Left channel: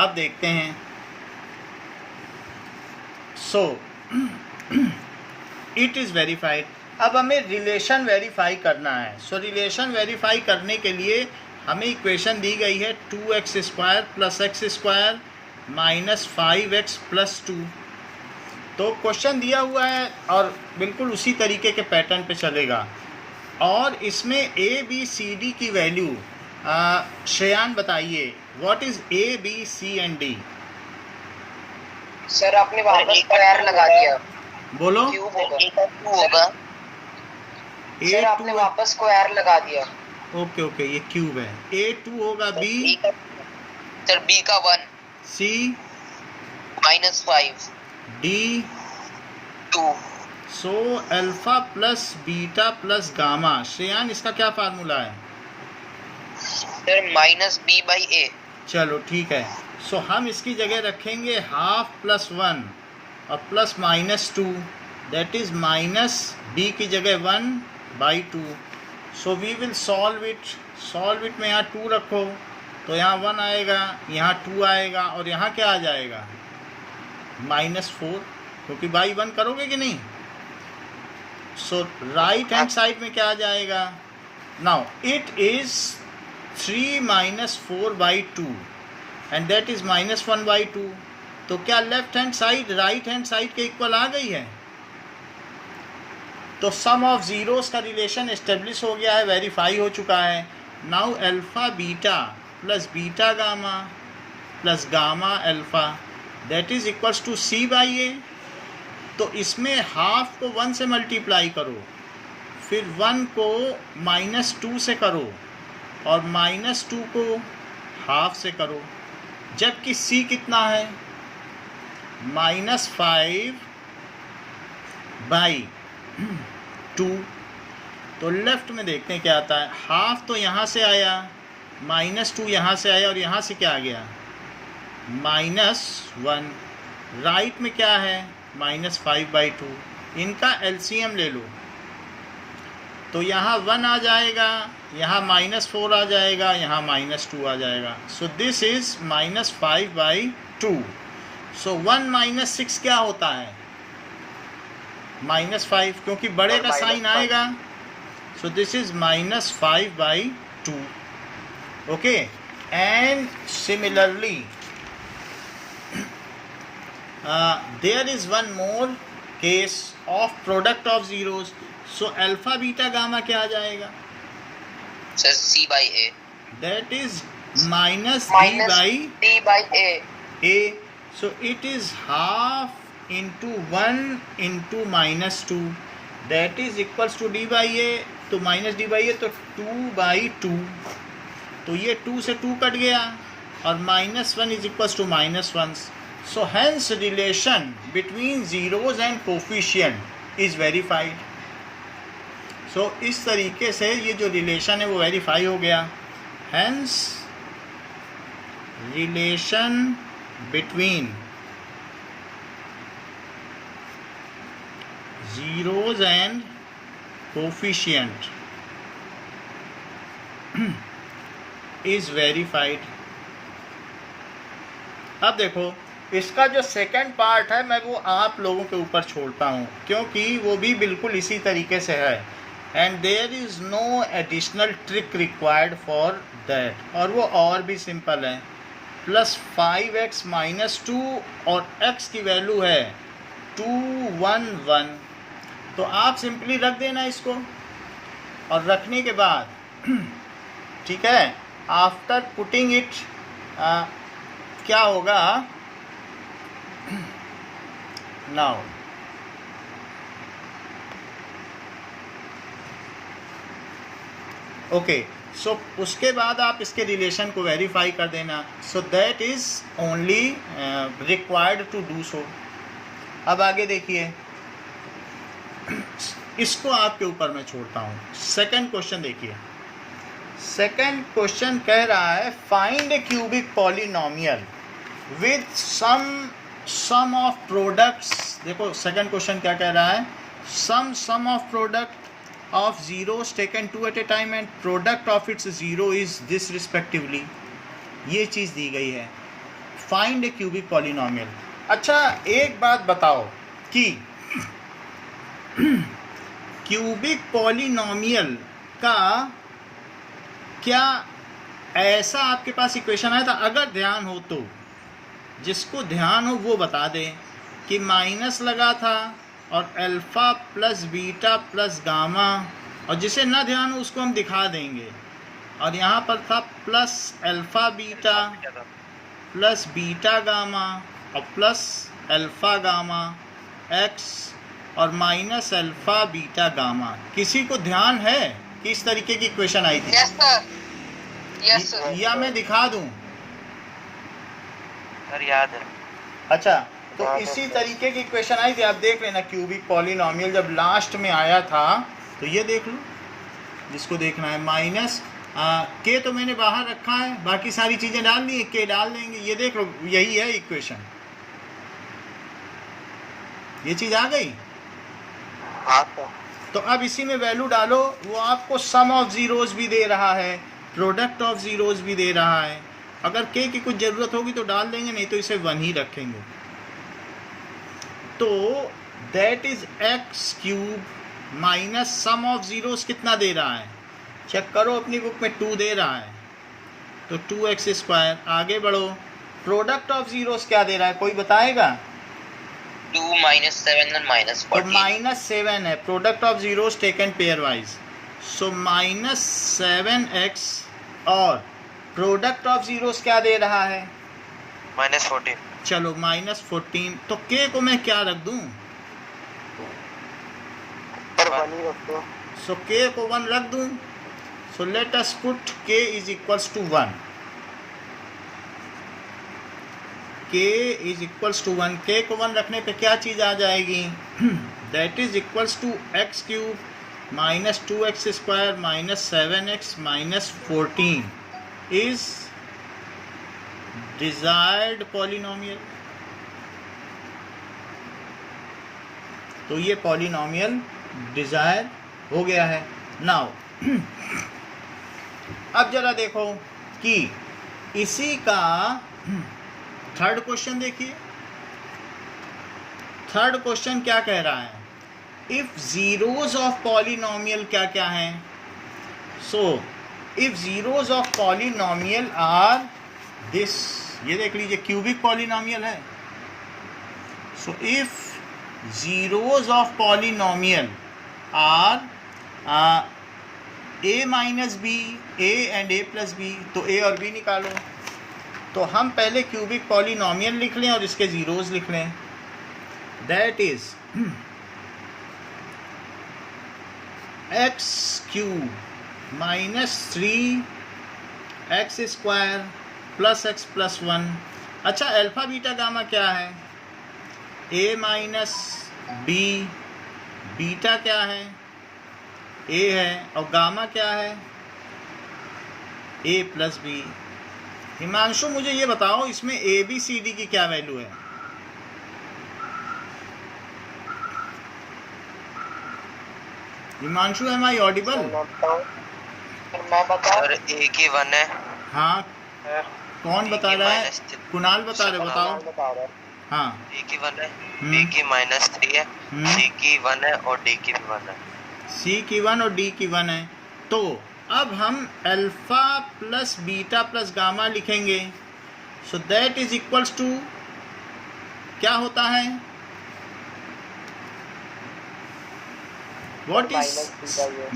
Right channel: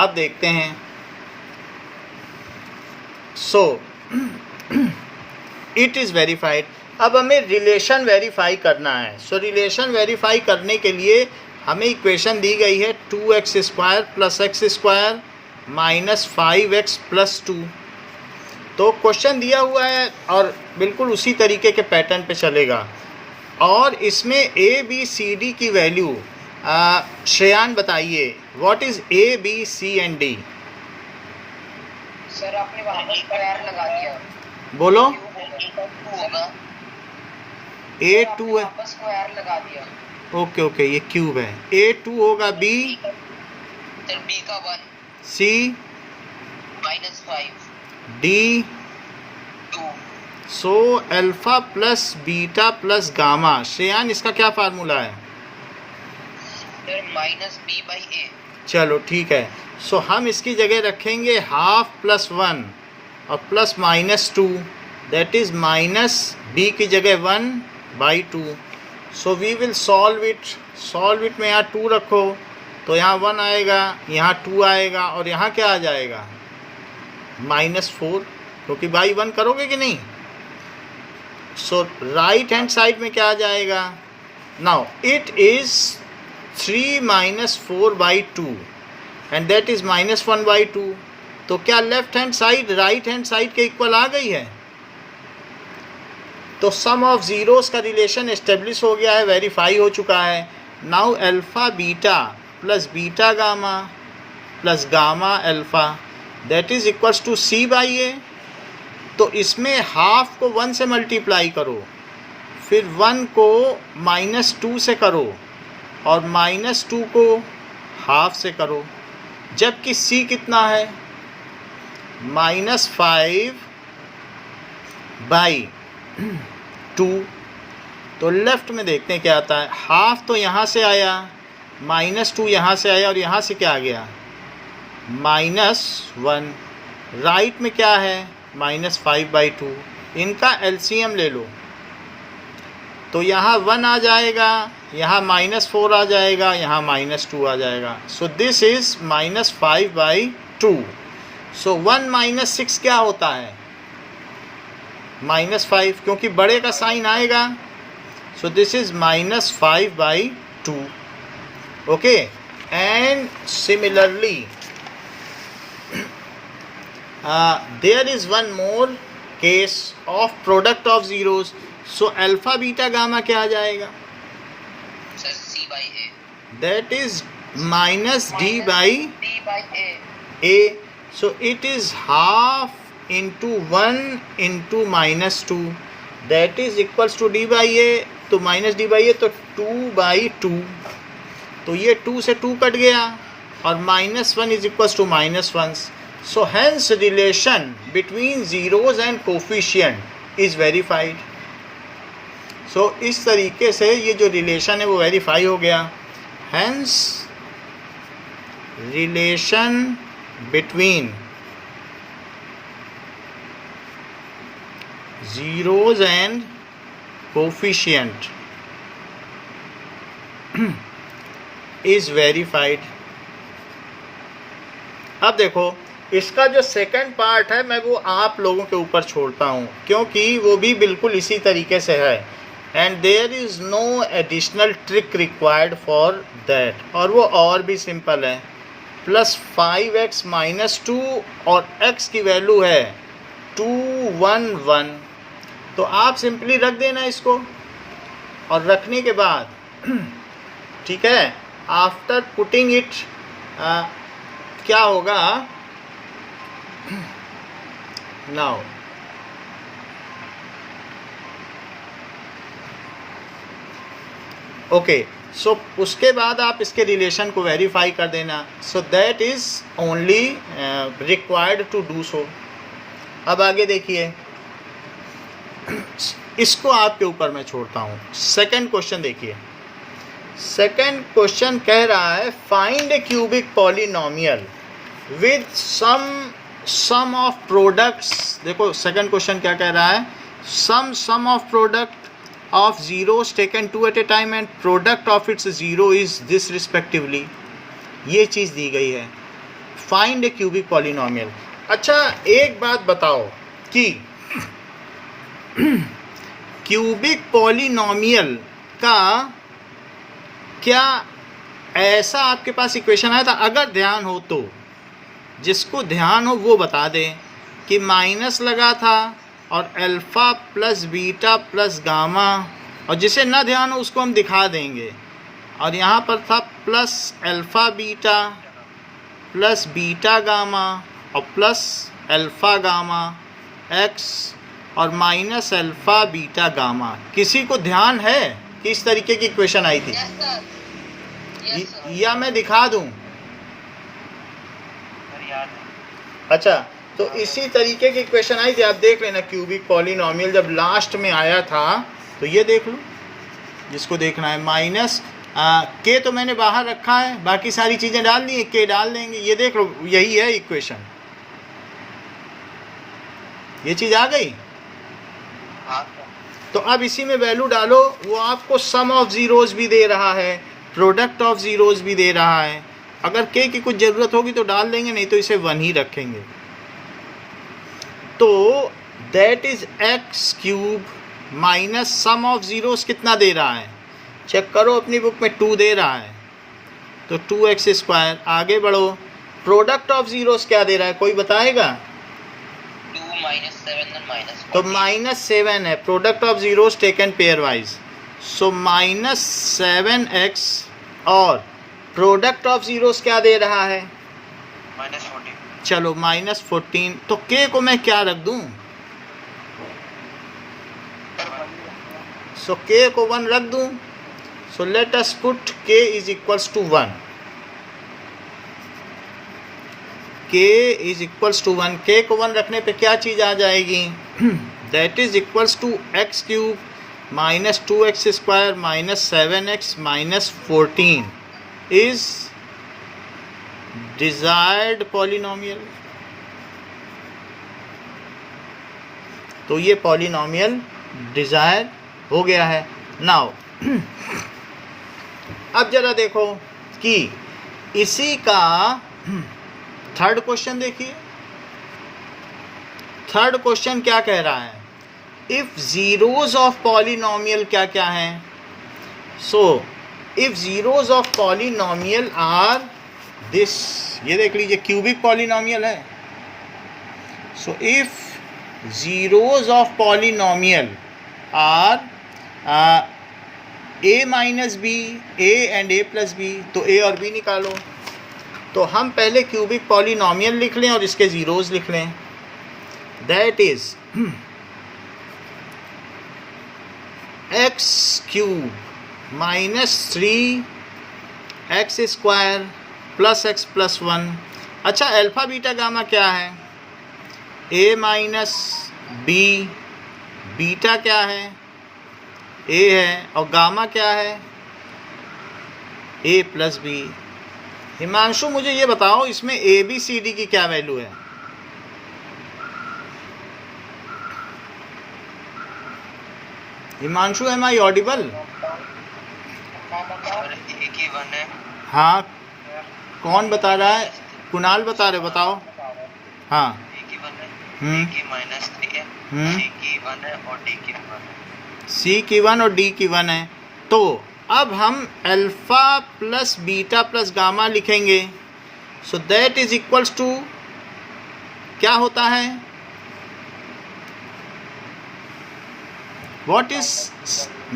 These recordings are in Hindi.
अब देखते हैं। So it is verified. अब हमें रिलेशन वेरीफाई करना है। सो रिलेशन वेरीफाई करने के लिए हमें इक्वेशन दी गई है 2x² + x² - 5x + 2। तो क्वेश्चन दिया हुआ है और बिल्कुल उसी तरीके के पैटर्न पे चलेगा, और इसमें ए बी सी डी की वैल्यू श्रेयान बताइए, what is A B C and D? Sir आपने वहाँ पर स्क्वायर लगा दिया। बोलो। क्यूब होगा। ए आपने टू वहाँ पर स्क्वायर लगा दिया। ओके ओके, ये क्यूब है। A2 होगा बी, सर बी का 1, C -5, D 2। So alpha plus beta plus gamma. Shreyan इसका क्या फार्मूला है? Sir -b/a। चलो ठीक है। सो हम इसकी जगह रखेंगे ½ + 1 और +-2, दैट इज -b की जगह 1/2। So we will solve it में यहाँ 2 रखो तो यहाँ 1 आएगा, यहाँ 2 आएगा, और यहाँ क्या आ जाएगा? -4, क्योंकि बाई 1 करोगे कि नहीं? सो राइट हैंड साइड में क्या आ जाएगा? Now it is 3 - 4/2 and that is -1/2। तो क्या left hand side right hand side के इक्वल आ गई है? तो सम ऑफ ज़ीरोस का रिलेशन एस्टेब्लिश हो गया है, वेरीफाई हो चुका है। Now alpha beta plus beta gamma plus gamma alpha that is equals to C/A। तो इसमें हाफ को 1 से मल्टीप्लाई करो, फिर 1 को -2 से करो, और -2 को हाफ से करो, जबकि C कितना है? -5/2। तो लेफ्ट में देखते हैं क्या आता है। हाफ तो यहाँ से आया, -2 यहाँ से आया, और यहाँ से क्या आ गया? -1। राइट में क्या है? -5/2। इनका LCM ले लो तो यहाँ 1 आ जाएगा, यहाँ -4 आ जाएगा, यहाँ -2 आ जाएगा। So this is -5/2। सो 1 - 6 क्या होता है? -5, क्योंकि बड़े का साइन आएगा। So this is -5/2। Okay, and similarly there is one more case of product of zeros. So alpha beta gamma क्या आ जाएगा? Sir C/A। That is -D/A. So it is ½ into 1 into -2, that is equals to D/A। तो -D/A तो 2/2। तो ये 2 से 2 कट गया, और -1 is equals to -1। So hence relation between zeros and coefficient is verified. So इस तरीके से ये जो रिलेशन है वो वेरीफाई हो गया। Hence relation between zeros and coefficient is verified. अब देखो, इसका जो सेकंड पार्ट है मैं वो आप लोगों के ऊपर छोड़ता हूँ, क्योंकि वो भी बिल्कुल इसी तरीके से है, and there is no additional trick required for that, और वो और भी सिंपल है। +5x - 2 और x की वैल्यू है 211। तो आप सिंपली रख देना इसको, और रखने के बाद ठीक है, आफ्टर पुटिंग इट क्या होगा? नाउ ओके, सो उसके बाद आप इसके रिलेशन को वेरीफाई कर देना। So that is only required to do so. अब आगे देखिए, इसको आपके ऊपर मैं छोड़ता हूँ। सेकंड क्वेश्चन देखिए। सेकंड क्वेश्चन कह रहा है find a cubic polynomial with sum of products. देखो सेकंड क्वेश्चन क्या कह रहा है? Sum of product of zeros taken 2 at a time and product of its zero is this respectively. ये चीज़ दी गई है, फाइंड ए क्यूबिक पॉलिनोमियल। अच्छा एक बात बताओ कि क्यूबिक पॉलिनोमियल का क्या ऐसा आपके पास इक्वेशन आया था? अगर ध्यान हो तो, जिसको ध्यान हो वो बता दे कि माइनस लगा था और alpha plus beta plus gamma, और जिसे ना ध्यान हो उसको हम दिखा देंगे। और यहाँ पर था plus alpha beta plus beta gamma और प्लस अल्फ़ा गामा एक्स और माइनस अल्फ़ा बीटा गामा। किसी को ध्यान है कि इस तरीके की इक्वेशन आई थी? Yes sir, yes sir. या मैं दिखा दूं? सर याद है। अच्छा, तो इसी तरीके की इक्वेशन आई थी, आप देख लेना। क्यूबिक पॉलिनोमियल जब लास्ट में आया था तो ये देख लो, जिसको देखना है। माइनस के तो मैंने बाहर रखा है, बाकी सारी चीज़ें डाल दी, के डाल देंगे। ये देख लो, यही है इक्वेशन। ये चीज़ आ गई। तो अब इसी में वैल्यू डालो, वो आपको सम ऑफ ज़ीरोज़ भी दे रहा है, प्रोडक्ट ऑफ ज़ीरोज़ भी दे रहा है। अगर के की कुछ ज़रूरत होगी तो डाल देंगे, नहीं तो इसे 1 ही रखेंगे। तो that is x cube minus sum of zeros कितना दे रहा है? चेक करो अपनी बुक में, 2 दे रहा है, तो 2x²। आगे बढ़ो, प्रोडक्ट ऑफ ज़ीरोज़ क्या दे रहा है, कोई बताएगा? 2 - 7 और तो -14। -7 है, product of zeros taken pair wise. So -7x और प्रोडक्ट ऑफ ज़ीरोज़ क्या दे रहा है? -14। चलो -14। तो के को मैं क्या रख दूं? सो के को 1 रख दूं। So let us put k is equals to 1। k is equals to 1। k को 1 रखने पे क्या चीज़ आ जाएगी? That is equals to x cube minus 2x² minus 7x minus 14 is desired polynomial. तो ये पॉलिनोमियल डिजायर हो गया है। नाउ अब जरा देखो कि इसी का थर्ड क्वेश्चन देखिए। थर्ड क्वेश्चन क्या कह रहा है? इफ जीरोज ऑफ पॉलिनोमियल क्या क्या हैं? So if zeros of polynomial are this, ये देख लीजिए क्यूबिक पॉलिनोमियल है। So if zeros of polynomial are a minus B, a and a plus b, तो a और b निकालो। तो हम पहले क्यूबिक पॉलिनोमियल लिख लें और इसके ज़ीरोज़ लिख लें। That is x cube minus 3x² plus x plus 1। अच्छा, अल्फ़ा बीटा गामा क्या है? a माइनस बी, बीटा क्या है? a है, और गामा क्या है? a plus B. हिमांशु मुझे ये बताओ, इसमें ए बी सी डी की क्या वैल्यू है? Himanshu, am I audible? Sir A की 1 है। हाँ, कौन बता रहा है? कुणाल बता रहे, बताओ। हाँ, ए की 1 है, बी की -3 है, सी की 1 है और डी की 1 है। सी की 1 और डी की 1 है। तो अब हम alpha plus beta plus gamma लिखेंगे। So that is equals to क्या होता है? What is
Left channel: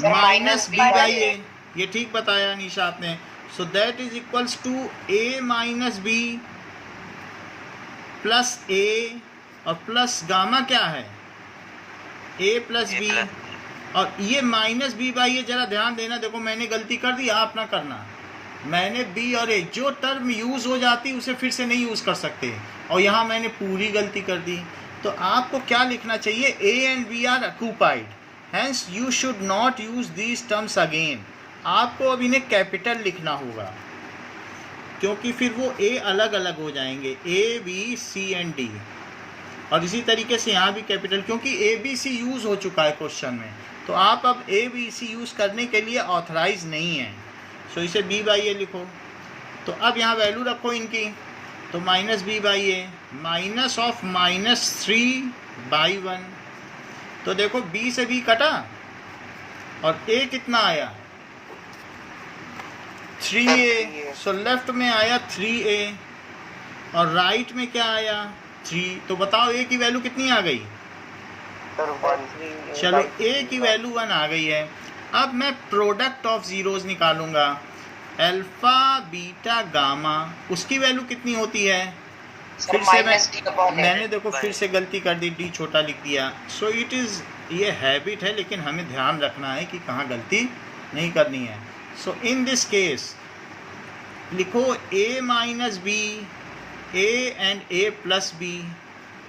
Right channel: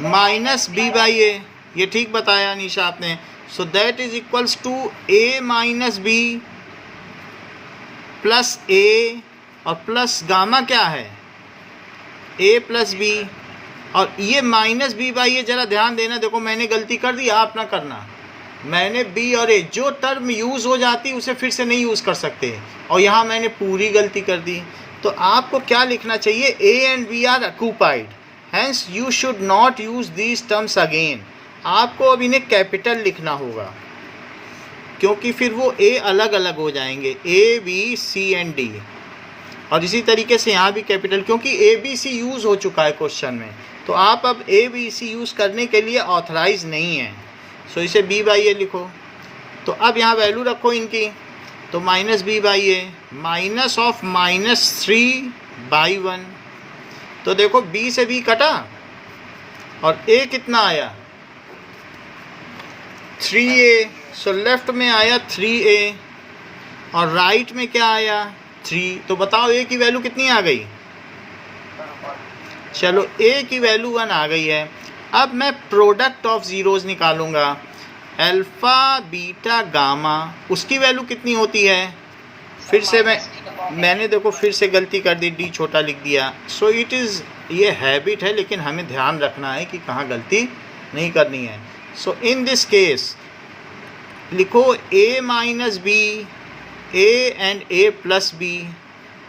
minus B by A. ये ठीक बताया निशा आपने। So that is equals to A minus B plus A और प्लस गामा क्या है? A plus B. और ये माइनस बी बाई, ये जरा ध्यान देना। देखो मैंने गलती कर दी, आप ना करना। मैंने बी और ए, जो टर्म यूज़ हो जाती उसे फिर से नहीं यूज़ कर सकते, और यहाँ मैंने पूरी गलती कर दी। तो आपको क्या लिखना चाहिए? A and B are occupied, hence you should not use these terms again. आपको अब इन्हें कैपिटल लिखना होगा, क्योंकि फिर वो ए अलग अलग हो जाएंगे, A B C and D. और इसी तरीके से यहाँ भी कैपिटल, क्योंकि ए बी सी यूज़ हो चुका है क्वेश्चन में। तो आप अब ए बी सी यूज़ करने के लिए ऑथराइज नहीं हैं। सो इसे बी बाई ए लिखो। तो अब यहाँ वैल्यू रखो इनकी, तो minus B by a minus of -3/1। तो देखो बी से बी कटा और ए कितना आया 3a। सो लेफ्ट में आया 3a और राइट में क्या आया 3। तो बताओ ए की वैल्यू कितनी आ गई? चलो ए की वैल्यू 1 आ गई है। अब मैं प्रोडक्ट ऑफ ज़ीरोज़ निकालूंगा, अल्फ़ा बीटा गामा, उसकी वैल्यू कितनी होती है? फिर से मैंने देखो फिर से गलती कर दी, डी छोटा लिख दिया। सो इट इज़, ये हैबिट है, लेकिन हमें ध्यान रखना है कि कहाँ गलती नहीं करनी है। सो इन दिस केस लिखो a minus B, a and a plus B,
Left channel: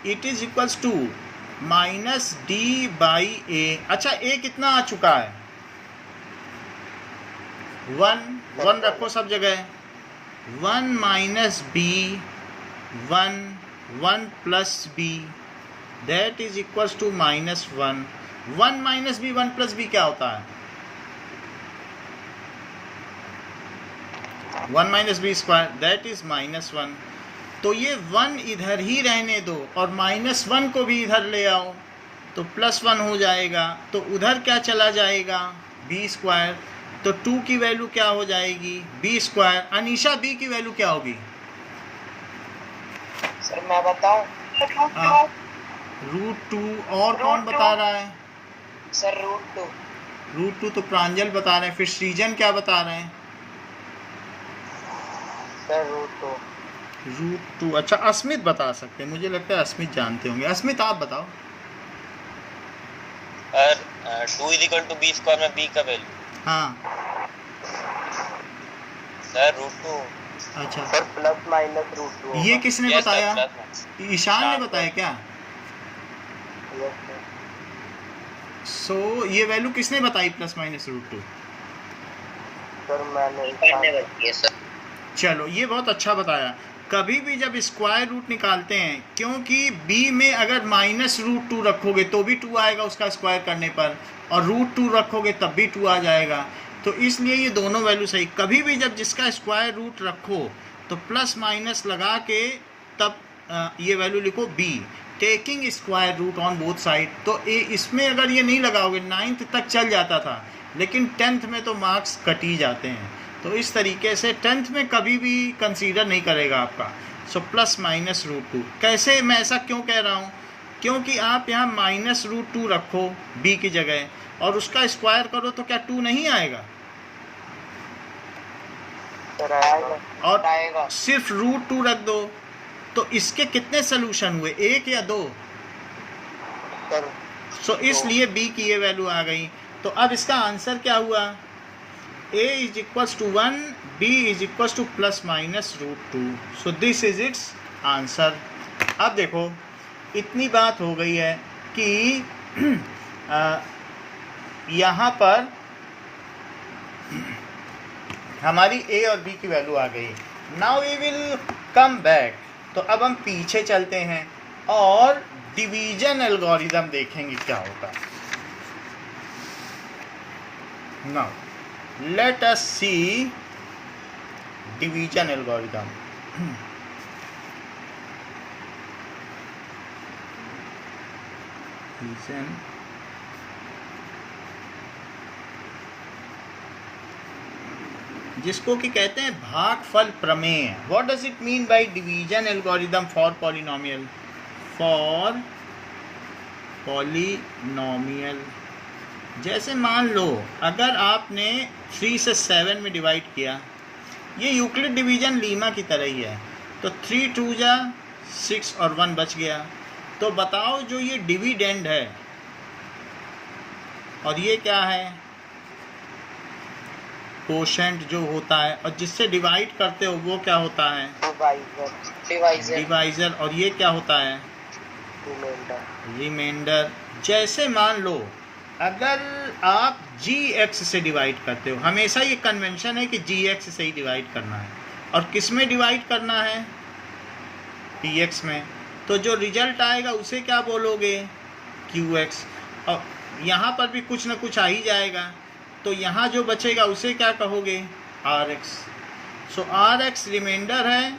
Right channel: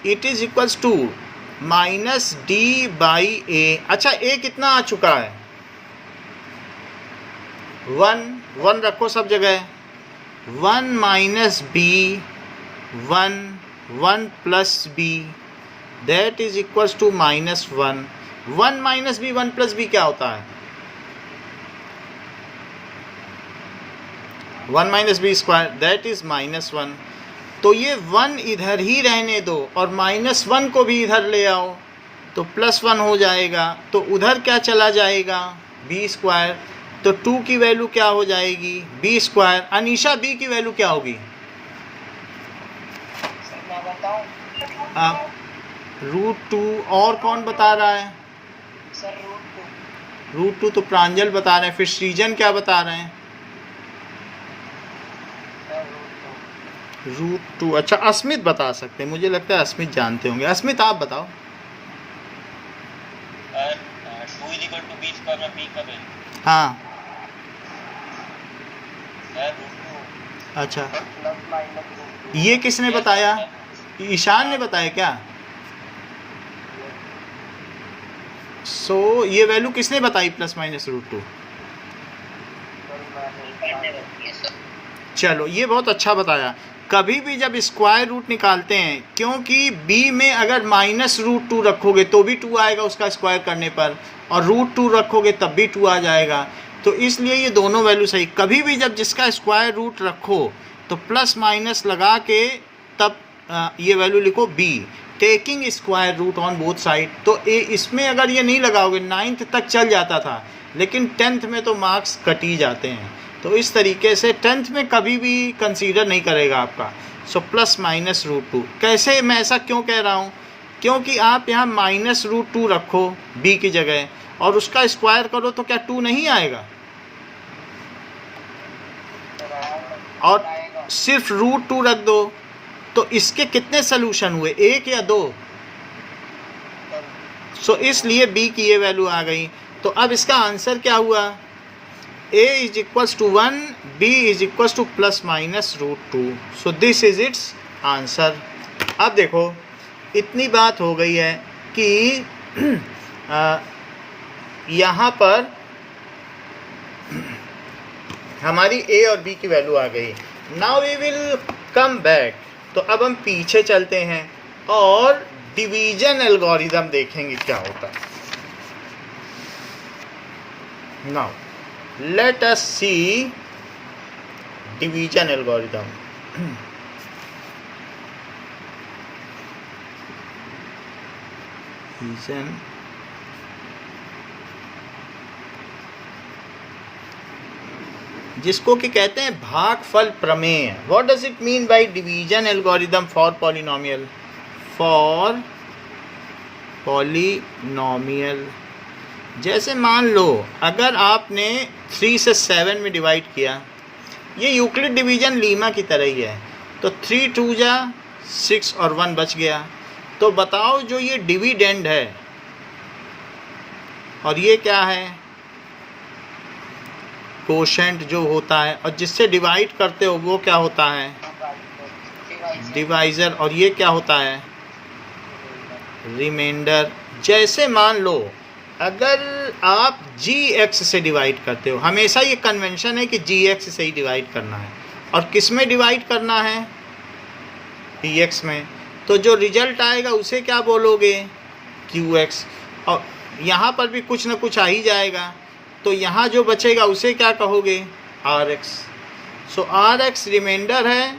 it is equals to minus D by A. अच्छा a कितना आ चुका है? 1 रखो सब जगह। 1 minus b 1 plus b that is equals to -1। 1 minus b 1 plus b क्या होता है? 1 minus b square that is -1। तो ये 1 इधर ही रहने दो और -1 को भी इधर ले आओ तो +1 हो जाएगा। तो उधर क्या चला जाएगा? B square. तो 2 की वैल्यू क्या हो जाएगी? B square. अनीशा बी की वैल्यू क्या होगी? सर मैं बताऊं? हाँ, √2। और कौन बता रहा है? सर √2 तो प्रांजल बता रहे हैं। फिर सृजन क्या बता रहे हैं? सर √2। अच्छा, अस्मित बता सकते हैं, मुझे लगता है अस्मित जानते होंगे। अस्मित आप बताओ। 2 = b स्क्वायर में b का वैल्यू हाँ सर √2। अच्छा, सर ±√2। ये किसने बताया? ईशान ने बताया क्या? सो ये वैल्यू किसने बताई ±√2? सर मैंने बताई सर। चलो ये बहुत अच्छा बताया। कभी भी जब स्क्वायर रूट निकालते हैं, क्योंकि b में अगर -√2 रखोगे तो भी 2 आएगा उसका स्क्वायर करने पर, और √2 रखोगे तब भी 2 आ जाएगा। तो इसलिए ये दोनों वैल्यू सही। कभी भी जब जिसका स्क्वायर रूट रखो तो प्लस माइनस लगा के तब ये वैल्यू लिखो b, taking square root on both side. तो इसमें अगर ये नहीं लगाओगे 9th तक चल जाता था, लेकिन 10th में तो मार्क्स कट ही जाते हैं। तो इस तरीके से 10th में कभी भी कंसीडर नहीं करेगा आपका। सो ±√2। कैसे, मैं ऐसा क्यों कह रहा हूँ? क्योंकि आप यहाँ -√2 रखो b की जगह और उसका स्क्वायर करो तो क्या 2 नहीं आएगा? और सिर्फ √2 रख दो तो इसके कितने सोल्यूशन हुए, 1 या 2? सो इसलिए b की ये वैल्यू आ गई। तो अब इसका आंसर क्या हुआ? a = 1, b = ±√2। So this is it's answer. अब देखो इतनी बात हो गई है कि यहाँ पर हमारी a और b की वैल्यू आ गई। Now we will come back. तो अब हम पीछे चलते हैं और डिवीजन एल्गोरिदम देखेंगे क्या होता है। नाउ लेट अस सी डिवीजन एल्गोरिदम। डिवीजन जिसको कि कहते हैं भागफल प्रमेय। What does it mean by division algorithm for polynomial? For polynomial जैसे मान लो अगर आपने 3 से 7 में डिवाइड किया, ये यूक्लिड डिवीजन लीमा की तरह ही है। तो 3 2 जा 6 और 1 बच गया। तो बताओ जो ये डिविडेंड है और ये क्या है? कोशेंट जो होता है, और जिससे डिवाइड करते हो वो क्या होता है? डिवाइजर। और ये क्या होता है? रिमाइंडर। जैसे मान लो अगर आप gx से डिवाइड करते हो, हमेशा ये कन्वेंशन है कि gx से ही डिवाइड करना है। और किस में डिवाइड करना है? dx में। तो जो रिजल्ट आएगा उसे क्या बोलोगे? qx। और यहाँ पर भी कुछ ना कुछ आ ही जाएगा, तो यहाँ जो बचेगा उसे क्या कहोगे? rx। So r x remainder है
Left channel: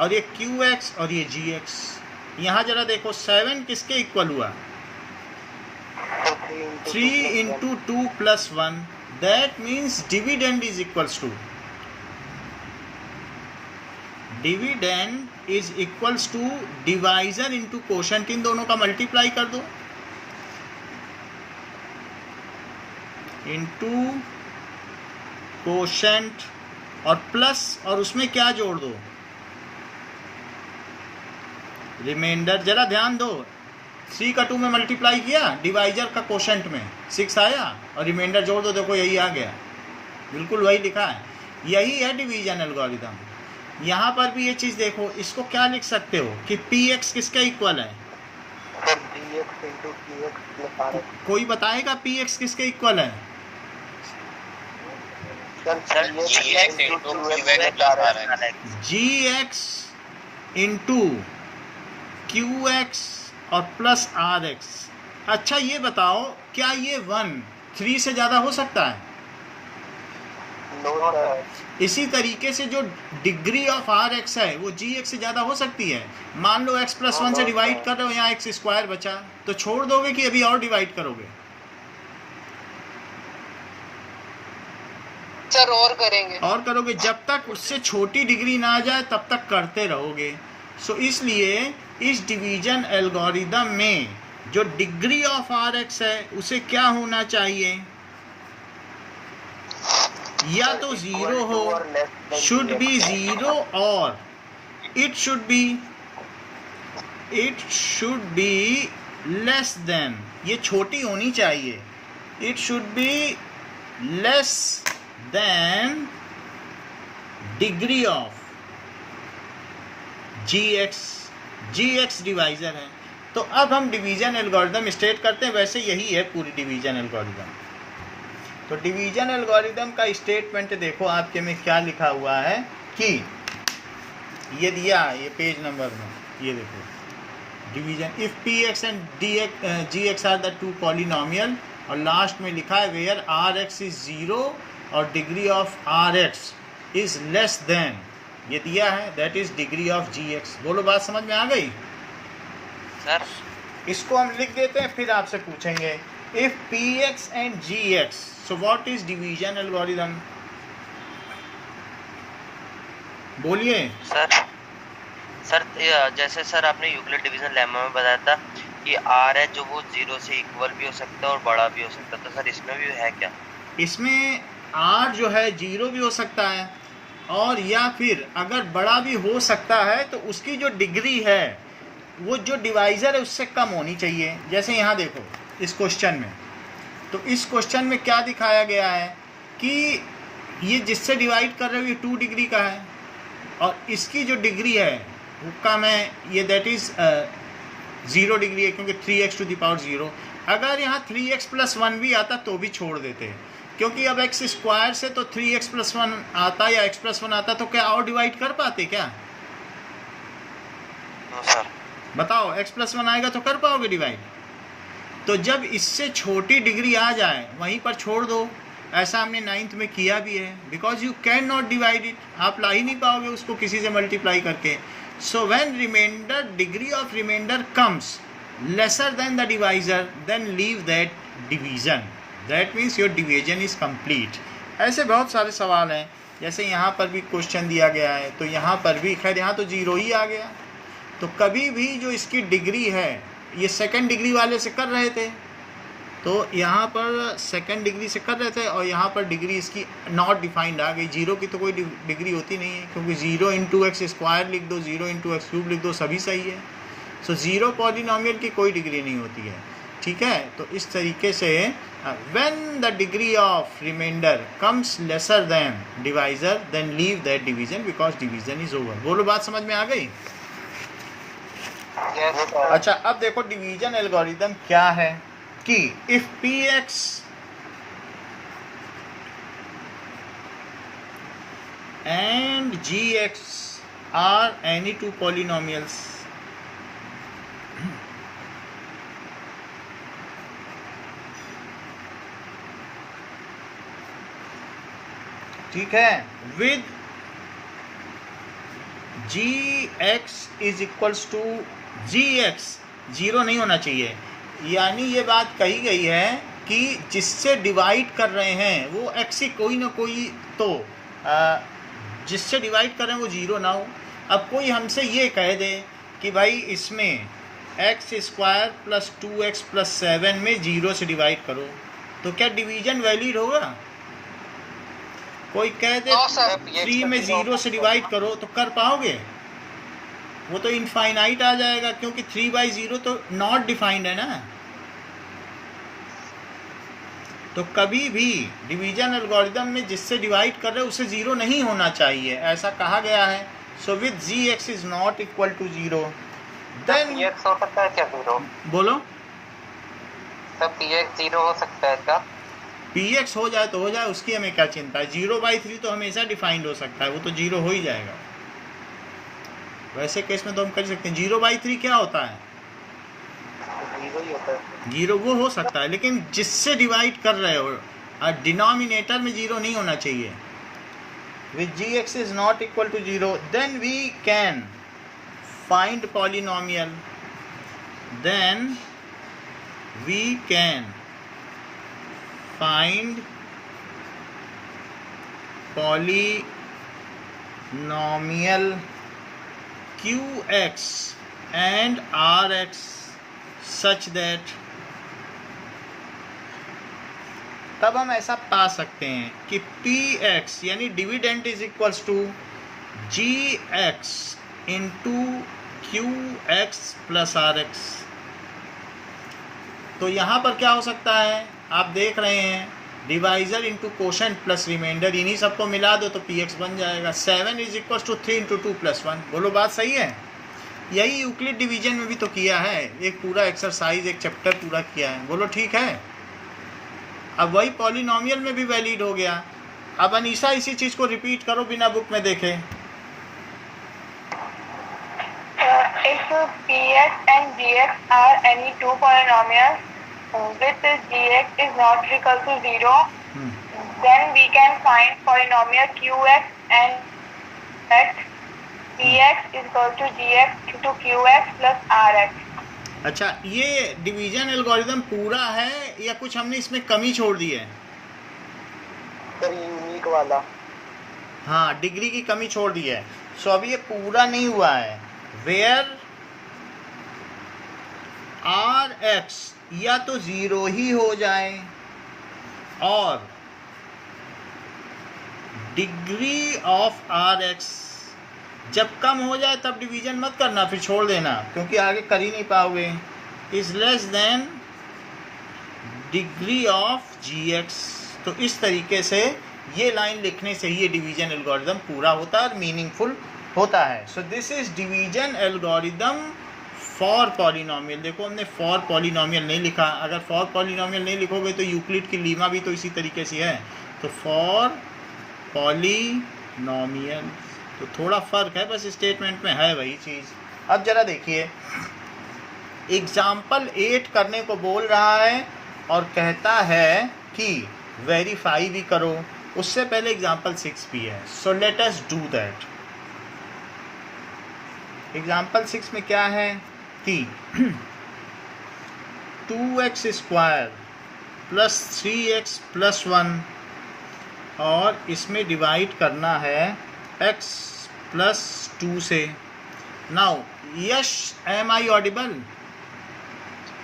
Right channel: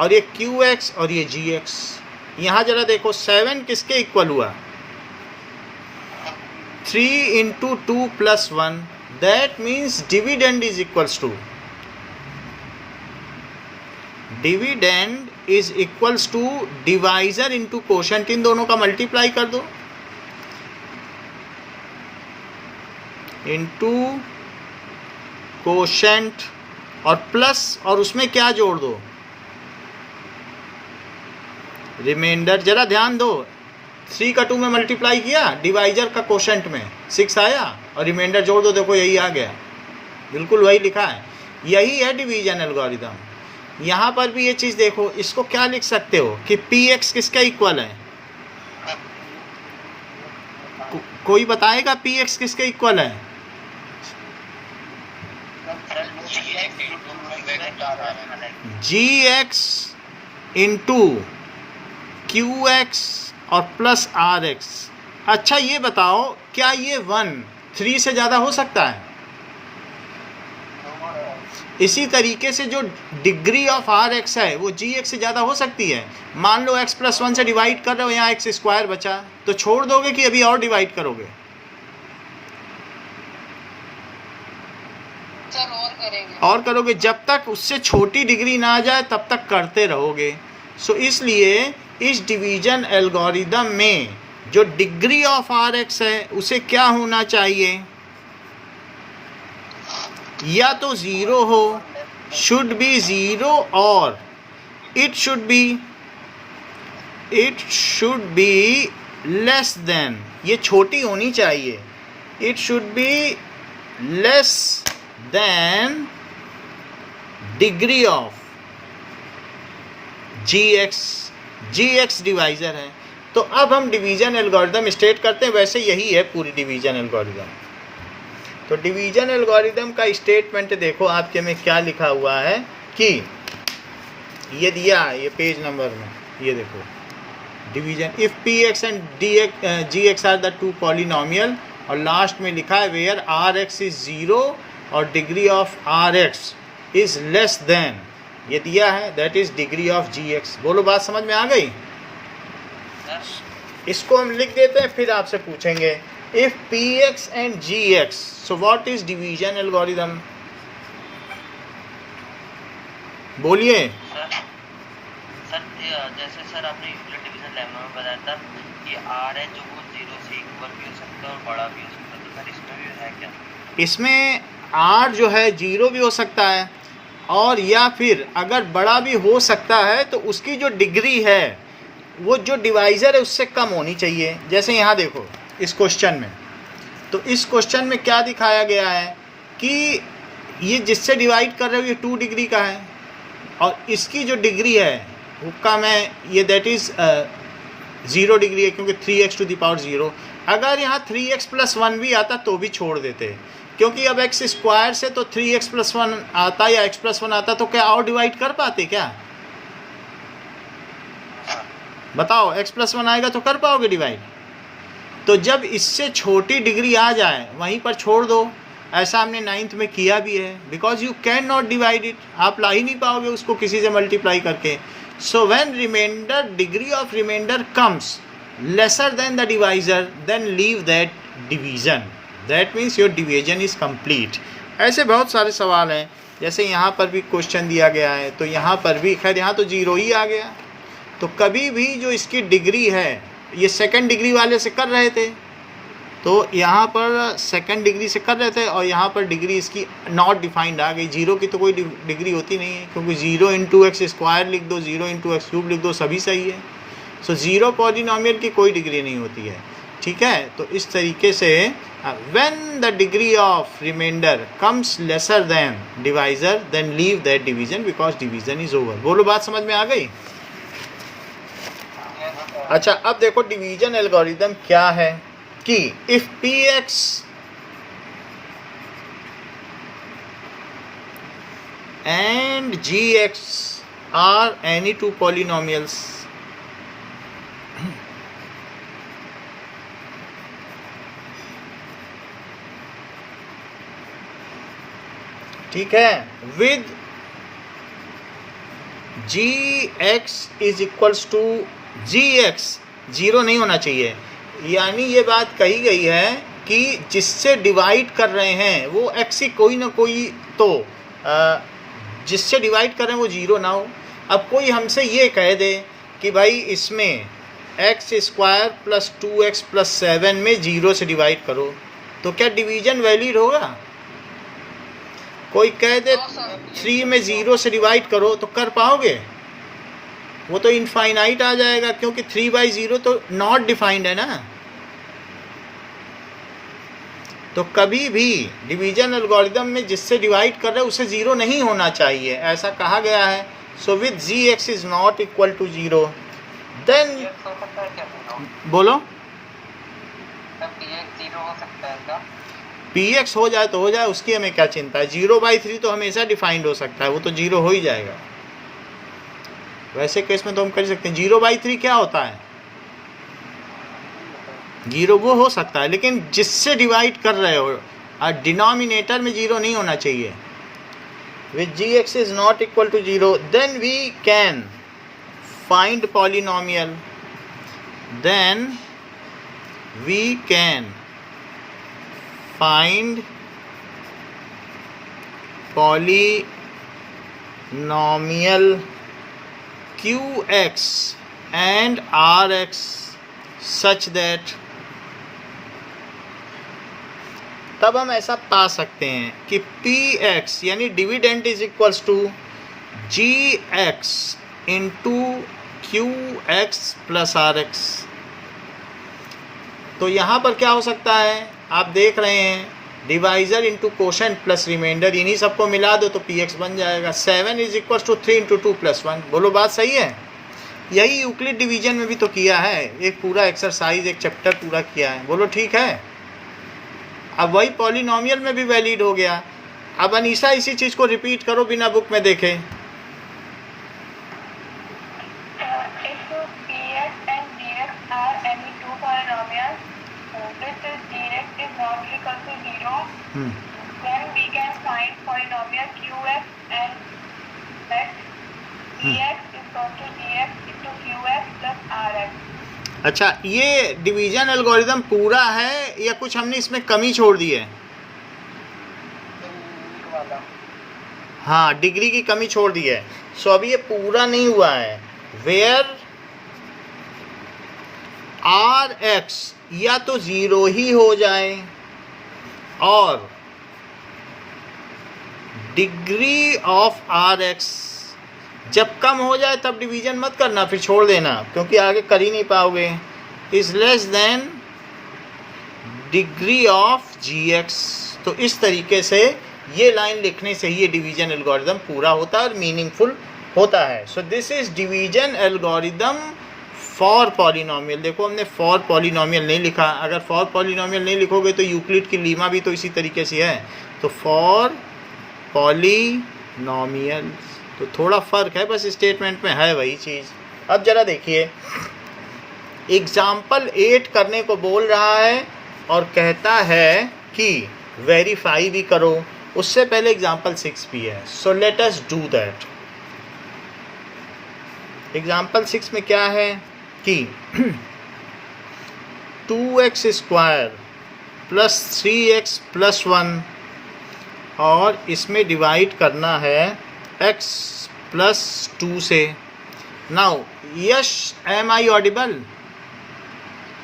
और ये क्यू एक्स और ये जी एक्स। यहाँ जरा देखो 7 किसके इक्वल हुआ? 3 into 2 plus 1, that means dividend is equals to, dividend is equals to divisor into quotient, इन दोनों का मल्टीप्लाई कर दो इंटू कोशेंट और प्लस, और उसमें क्या जोड़ दो? रिमाइंडर। जरा ध्यान दो, 3 का 2 में मल्टीप्लाई किया, डिवाइजर का कोशेंट में 6 आया और रिमाइंडर जोड़ दो, देखो यही आ गया, बिल्कुल वही लिखा है। यही है डिवीजन एल्गोरिदम। यहाँ पर भी ये चीज़ देखो, इसको क्या लिख सकते हो कि पी एक्स किसका इक्वल है? कोई बताएगा पी एक्स किसके इक्वल है? जी एक्स इंटू क्यू एक्स और प्लस आर एक्स। अच्छा ये बताओ, क्या ये 1 3 से ज़्यादा हो सकता है? इसी तरीके से जो डिग्री ऑफ आर एक्स है वो जी एक्स से ज़्यादा हो सकती है। मान लो x प्लस 1 से डिवाइड कर रहे हो, यहाँ एक्स स्क्वायर बचा, तो छोड़ दोगे कि अभी और डिवाइड करोगे? सर और करेंगे। और करोगे, जब तक उससे छोटी डिग्री ना आ जाए तब तक करते रहोगे। सो इसलिए इस डिवीजन एल्गोरिदम में जो डिग्री ऑफ आर एक्स है उसे क्या होना चाहिए? या तो 0 हो, शुड बी 0, और it should be less than, ये छोटी होनी चाहिए, it should be less than degree of g x divisor है। तो अब हम डिवीजन एल्गोरिदम स्टेट करते हैं, वैसे यही है पूरी डिवीजन एल्गोरिदम। तो डिवीजन एल्गोरिदम का स्टेटमेंट देखो आपके में क्या लिखा हुआ है कि ये दिया, ये पेज नंबर में, ये देखो division, if p x and g x are the 2 polynomial, और लास्ट में लिखा है वेयर आर एक्स इज 0 और degree of r x is less than, ये दिया है, that is degree of g x. बोलो बात समझ में आ गई? सर इसको हम लिख देते हैं, फिर आपसे पूछेंगे if p x and g x, so what is division algorithm? बोलिए सर जैसे सर आपने यूक्लिड डिवीजन लेमा में बताया था कि आर है जो वो 0 से इक्वल भी हो सकता है और बड़ा भी हो सकता है, तो सर इसमें भी है क्या? इसमें आर जो है 0 भी हो सकता है, और या फिर अगर बड़ा भी हो सकता है तो उसकी जो डिग्री है वो जो डिवाइज़र है उससे कम होनी चाहिए। जैसे यहाँ देखो इस क्वेश्चन में, तो इस क्वेश्चन में क्या दिखाया गया है कि ये जिससे डिवाइड कर रहे हो ये 2 डिग्री का है, और इसकी जो डिग्री है उसका मैं ये दैट इज़ 0 डिग्री है, क्योंकि 3x टू द पावर 0। अगर यहाँ 3x प्लस 1 भी आता तो भी छोड़ देते, क्योंकि अब x स्क्वायर से तो 3x प्लस 1 आता या x प्लस 1 आता, तो क्या और डिवाइड कर पाते क्या? बताओ, x प्लस 1 आएगा तो कर पाओगे डिवाइड? तो जब इससे छोटी डिग्री आ जाए वहीं पर छोड़ दो। ऐसा हमने 9th में किया भी है, because you can not divide it, आप ला ही नहीं पाओगे उसको किसी से मल्टीप्लाई करके। So when remainder, degree of remainder comes lesser than the divisor, then leave that division, that means your division is complete. ऐसे बहुत सारे सवाल हैं, जैसे यहाँ पर भी क्वेश्चन दिया गया है, तो यहाँ पर भी खैर यहाँ तो 0 ही आ गया। तो कभी भी जो इसकी डिग्री है, ये सेकंड डिग्री वाले से कर रहे थे, तो यहाँ पर सेकंड डिग्री से कर रहे थे, और यहाँ पर डिग्री इसकी नॉट डिफाइंड आ गई। 0 की तो कोई डिग्री होती नहीं है, क्योंकि 0 इंटू एक्स स्क्वायर लिख दो, 0 इंटू एक्स क्यूब लिख दो, सभी सही है। सो 0 पॉलिनोमियल की कोई डिग्री नहीं होती है, ठीक है। तो इस तरीके से when the degree of remainder comes lesser than divisor, then leave that division because division is over. बोलो बात समझ में आ गई? अच्छा, अब देखो डिवीजन एल्गोरिदम क्या है कि if p x and g x are any 2 polynomials, ठीक है, with g x is equals to g x, zero नहीं होना चाहिए। यानी ये बात कही गई है कि जिससे डिवाइड कर रहे हैं वो एक्स ही कोई ना कोई, तो जिससे डिवाइड कर रहे हैं वो जीरो ना हो। अब कोई हमसे ये कह दे कि भाई इसमें x square plus 2x plus 7 में जीरो से डिवाइड करो, तो क्या डिवीजन वैलिड होगा? कोई कह दे 3 में जीरो से डिवाइड करो, तो कर पाओगे? वो तो इनफाइनाइट आ जाएगा, क्योंकि 3/0 तो नॉट डिफाइंड है ना। तो कभी भी डिवीजन एल्गोरिदम में जिससे डिवाइड कर रहे हैं उसे जीरो नहीं होना चाहिए, ऐसा कहा गया है। So with g x is not equal to zero, then हो सकता है क्या जीरो? बोलो। तब px जीरो हो सकता है क्या? पी एक्स हो जाए तो हो जाए, उसकी हमें क्या चिंता है। 0/3 तो हमेशा डिफाइंड हो सकता है, वो तो जीरो हो ही जाएगा। वैसे केस में तो हम कर सकते हैं। 0/3 क्या होता है? जीरो ही होता है। जीरो वो हो सकता है, लेकिन जिससे डिवाइड कर रहे हो और डिनोमिनेटर में जीरो नहीं होना चाहिए। With g x is not equal to zero, then we can find polynomial, then we can find polynomial qx and rx such that, तब हम ऐसा पा सकते हैं कि px यानी dividend is equals to gx into qx plus rx। तो यहाँ पर क्या हो सकता है, आप देख रहे हैं, divisor into quotient plus remainder, इन्हीं सबको मिला दो तो px बन जाएगा। 7 is equal to 3 into 2 plus 1। बोलो बात सही है? यही यूक्लिड डिवीजन में भी तो किया है, एक पूरा एक्सरसाइज, एक चैप्टर पूरा किया है। बोलो ठीक है? अब वही पॉलिनोमियल में भी वैलिड हो गया। अब अनीशा इसी चीज़ को रिपीट करो बिना बुक में देखे। If px and gx are any two polynomials with gx is not equal to 0, then we can find polynomial qx and x. px is equal to gx into qx plus rx. अच्छा, ये डिवीजन एल्गोरिदम पूरा है या कुछ हमने इसमें कमी छोड़ दी है? यूनिक वाला। हाँ, डिग्री की कमी छोड़ दी है। सो अभी ये पूरा नहीं हुआ है। वेयर आर एक्स या तो ज़ीरो ही हो जाए और डिग्री ऑफ आर एक्स जब कम हो जाए तब डिवीजन मत करना, फिर छोड़ देना, क्योंकि आगे कर ही नहीं पाओगे। Is less than degree of g x. तो इस तरीके से ये लाइन लिखने से ही ये डिवीजन एल्गोरिदम पूरा होता है और मीनिंगफुल होता है। So this is division algorithm for polynomial. देखो हमने फॉर पॉलिनोमियल नहीं लिखा, अगर फॉर पॉलिनोमियल नहीं लिखोगे तो यूक्लिड की लीमा भी तो इसी तरीके से है। तो फॉर पॉलिनोमियल, तो थोड़ा फ़र्क है बस, स्टेटमेंट में है वही चीज़। अब ज़रा देखिए, एग्ज़ाम्पल 8 करने को बोल रहा है और कहता है कि वेरीफाई भी करो। उससे पहले एग्ज़ाम्पल 6 भी है, सो let us do that. Example 6 में क्या है कि 2x square plus 3x plus 1 और इसमें डिवाइड करना है x प्लस 2 से। Now Yash, am I audible?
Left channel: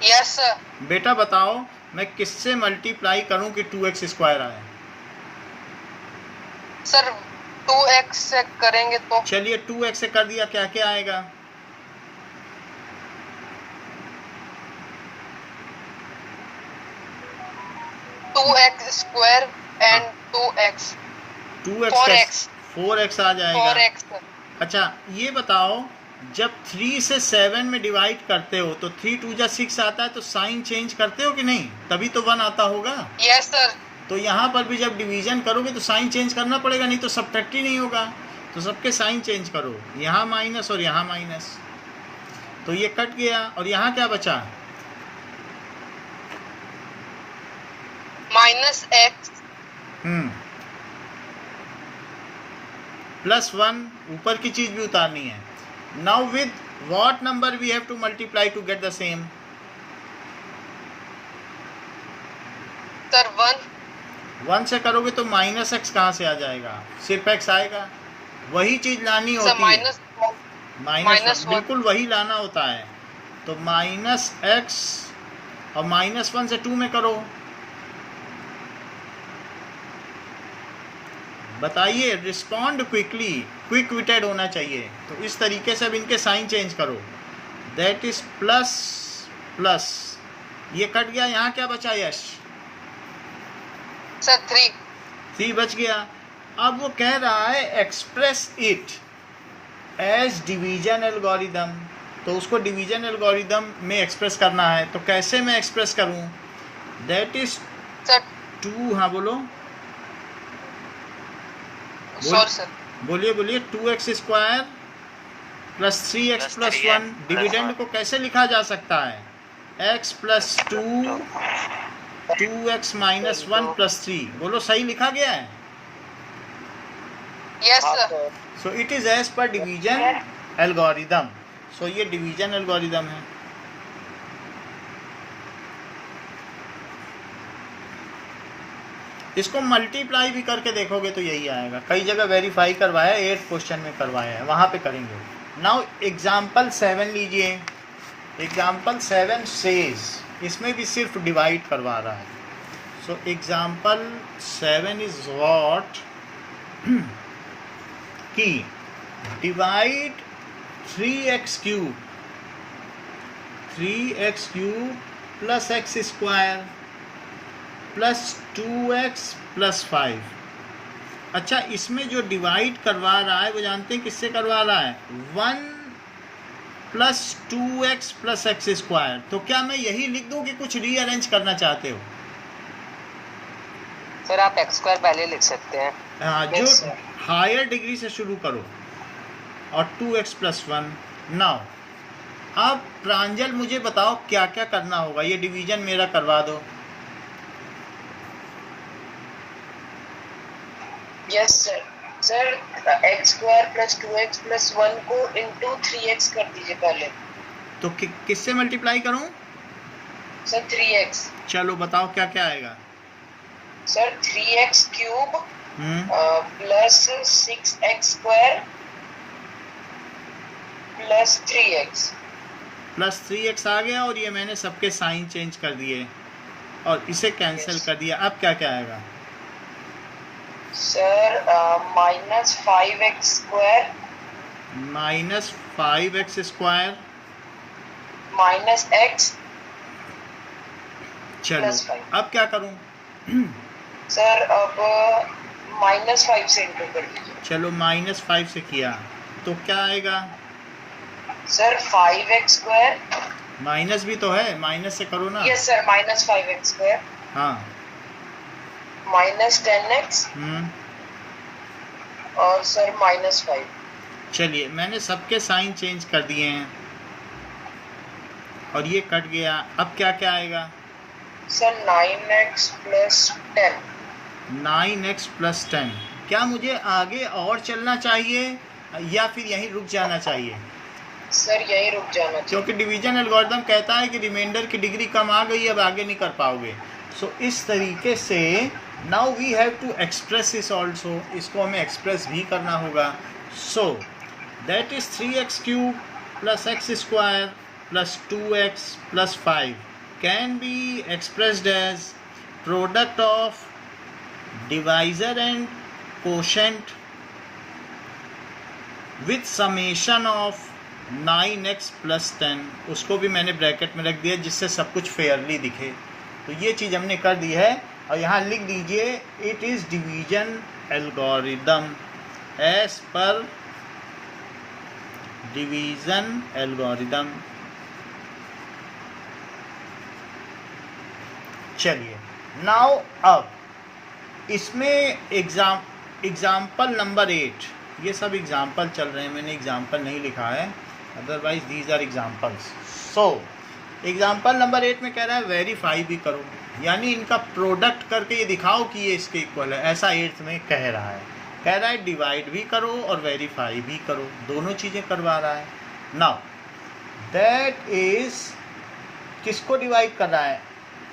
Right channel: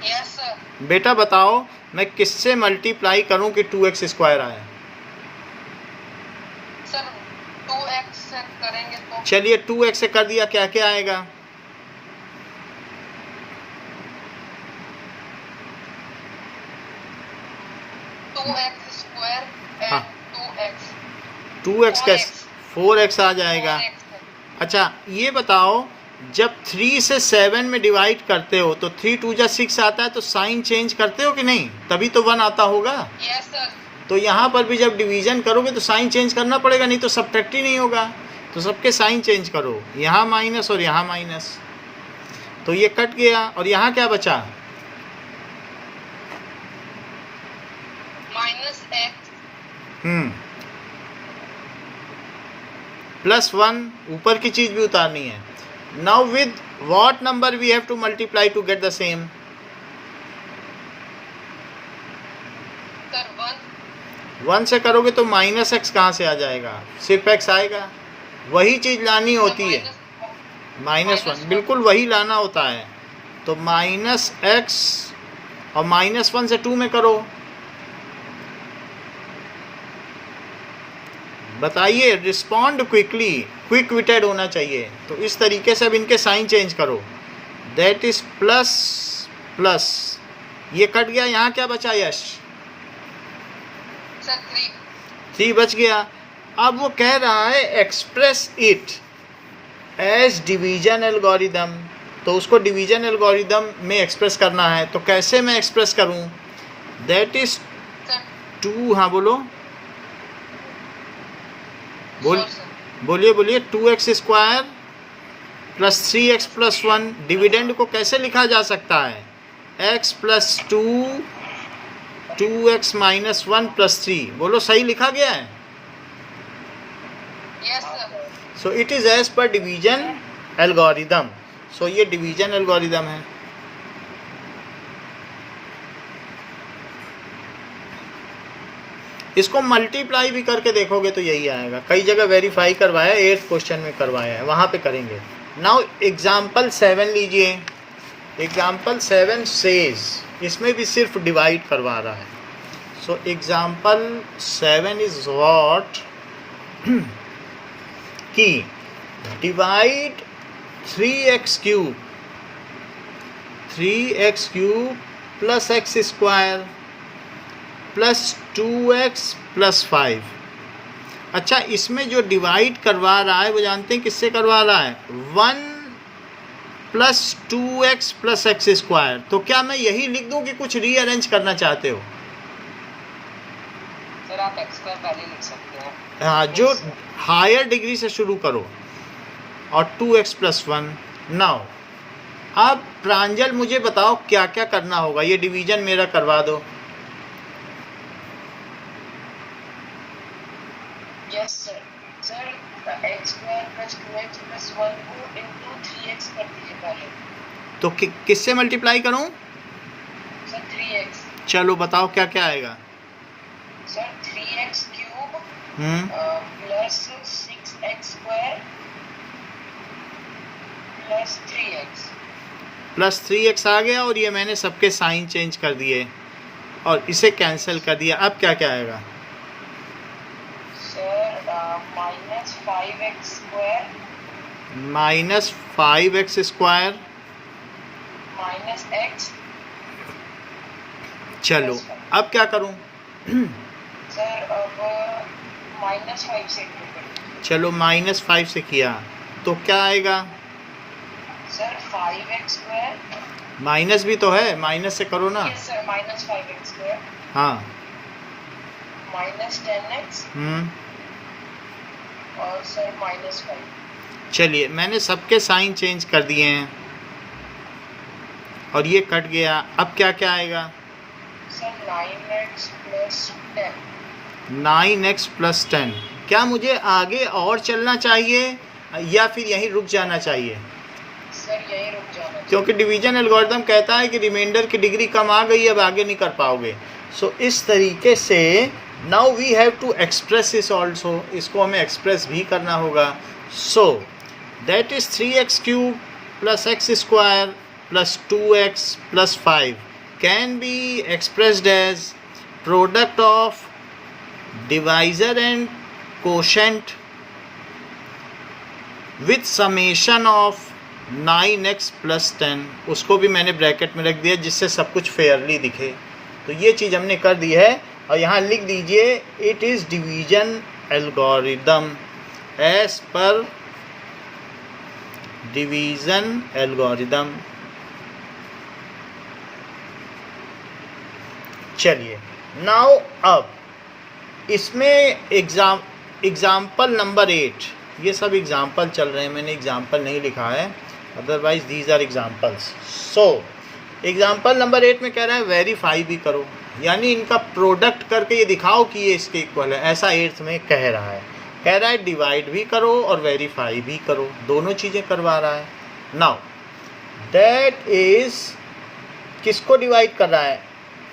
Yes sir. बेटा बताओ मैं किससे मल्टीप्लाई करूं कि 2x स्क्वायर आए? सर 2x से करेंगे तो? चलिए 2x से कर दिया, क्या क्या आएगा? 2x square and 2x 2x का 4x आ जाएगा। 4x। अच्छा ये बताओ, जब 3 से 7 में डिवाइड करते हो तो 3 2 जा 6 आता है, तो साइन चेंज करते हो कि नहीं? तभी तो 1 आता होगा। Yes sir. तो यहाँ पर भी जब डिवीजन करोगे तो साइन चेंज करना पड़ेगा, नहीं तो सब्ट्रैक्ट ही नहीं होगा। तो सबके साइन चेंज करो, यहाँ माइनस और यहाँ माइनस, तो ये कट गया और यहाँ क्या बचा? -x प्लस 1 ऊपर की चीज़ भी उतारनी है. Now with what number we have to multiply to get the same? Sir 1 से करोगे तो माइनस एक्स कहाँ से आ जाएगा? सिर्फ एक्स आएगा. वही चीज़ लानी होती है. माइनस 1 बिल्कुल वही लाना होता है. तो माइनस एक्स और माइनस 1 से 2 में करो. बताइए, रिस्पॉन्ड क्विकली, क्विक विटेड होना चाहिए. तो इस तरीके से अब इनके साइन चेंज करो. दैट इज प्लस प्लस, ये कट गया. यहाँ क्या बचा यश? सर 3 बच गया. अब वो कह रहा है express it as division algorithm. तो उसको डिवीजन एल्गोरिदम में एक्सप्रेस करना है. तो कैसे मैं एक्सप्रेस करूं? That is 2. हाँ बोलो, बोलिए 2x square plus 3x plus 1. Dividend को कैसे लिखा जा सकता है? x plus 2 2x minus 1 plus 3. बोलो, सही लिखा गया है? Yes sir. So it is as पर डिवीजन एल्गोरिदम. सो ये डिवीजन एल्गोरिदम है. इसको मल्टीप्लाई भी करके देखोगे तो यही आएगा. कई जगह वेरीफाई करवाया है, 8th क्वेश्चन में करवाया है, वहाँ पे करेंगे. नाउ एग्जाम्पल 7 लीजिए. एग्जाम्पल 7 सेज, इसमें भी सिर्फ डिवाइड करवा रहा है. सो एग्जाम्पल 7 इज व्हाट कि divide 3x cube plus x square plus 2x plus 5. अच्छा, इसमें जो डिवाइड करवा रहा है वो जानते हैं किससे करवा रहा है? 1 plus 2x plus x square. तो क्या मैं यही लिख दूं कि कुछ रीअरेंज करना चाहते हो? सर आप एक्स स्क्वायर पहले लिख सकते हैं. हाँ, जो हायर डिग्री से शुरू करो और 2x प्लस 1. नाउ अब प्रांजल मुझे बताओ क्या क्या करना होगा. ये डिवीजन मेरा करवा दो. Yes sir. Sir x square plus 2x plus 1 को इंटू 3x कर दीजिए पहले. तो किससे मल्टीप्लाई करूं? Sir 3x. चलो बताओ क्या क्या आएगा. Sir 3x cube plus 6x square plus 3x. Plus 3x आ गया और ये मैंने सबके साइन चेंज कर दिए और इसे कैंसिल कर दिया. अब क्या क्या आएगा? Sir minus 5x square minus x. चलो अब क्या करूं? सर अब माइनस 5 से इंटू कर दीजिए. चलो माइनस 5 से किया तो क्या आएगा? Sir 5x square. माइनस भी तो है, माइनस से करो ना. Yes sir, minus 5x square हाँ. माइनस 10x और सर माइनस 5. चलिए, मैंने सबके साइन चेंज कर दिए हैं और ये कट गया. अब क्या क्या आएगा? Sir 9x plus 10. 9x plus 10. क्या मुझे आगे और चलना चाहिए या फिर यहीं रुक जाना चाहिए? सर यहीं रुक जाना चाहिए. क्योंकि डिवीजन एल्गोरिदम कहता है कि रिमाइंडर की डिग्री कम आ गई, अब आगे नहीं कर पाओगे. सो इस तरीके से now we have to express this also. इसको हमें एक्सप्रेस भी करना होगा. So that is 3x cube plus x square plus 2x plus 5 can be expressed as product of divisor and quotient with summation of 9x plus 10. उसको भी मैंने ब्रैकेट में रख दिया जिससे सब कुछ फेयरली दिखे. तो ये चीज़ हमने कर दी है और यहाँ लिख दीजिए it is division algorithm as पर डिवीजन एल्गोरिदम. चलिए नाउ अब इसमें एग्जाम्पल नंबर 8. ये सब एग्जाम्पल चल रहे हैं, मैंने एग्जाम्पल नहीं लिखा है, otherwise these are examples. So example number 8 में कह रहा है वेरीफाई भी करो, यानी इनका प्रोडक्ट करके ये दिखाओ कि ये इसके इक्वल है. ऐसा 8th में कह रहा है. कह रहा है डिवाइड भी करो और वेरीफाई भी करो, दोनों चीज़ें करवा रहा है। नाउ दैट इज किसको डिवाइड कर रहा है?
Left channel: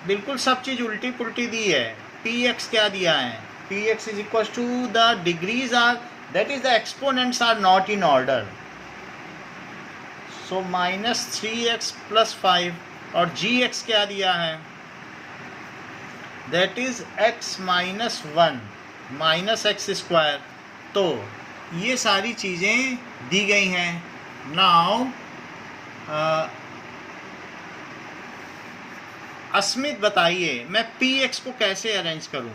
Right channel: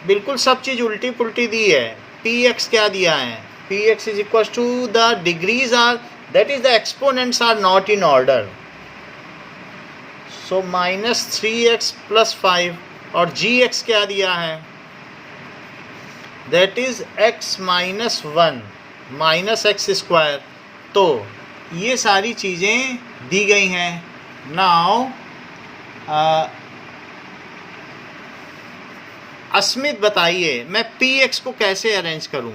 बिल्कुल सब चीज़ उल्टी पुल्टी दी है। पी एक्स क्या दिया है? P x is equal to the degrees are, that is the exponents are not in order, so minus 3x plus 5, और जी एक्स क्या दिया है? That is x minus 1 minus x square. तो ये सारी चीज़ें दी गई हैं। नाउ अस्मित बताइए मैं पी एक्स को कैसे अरेंज करूं?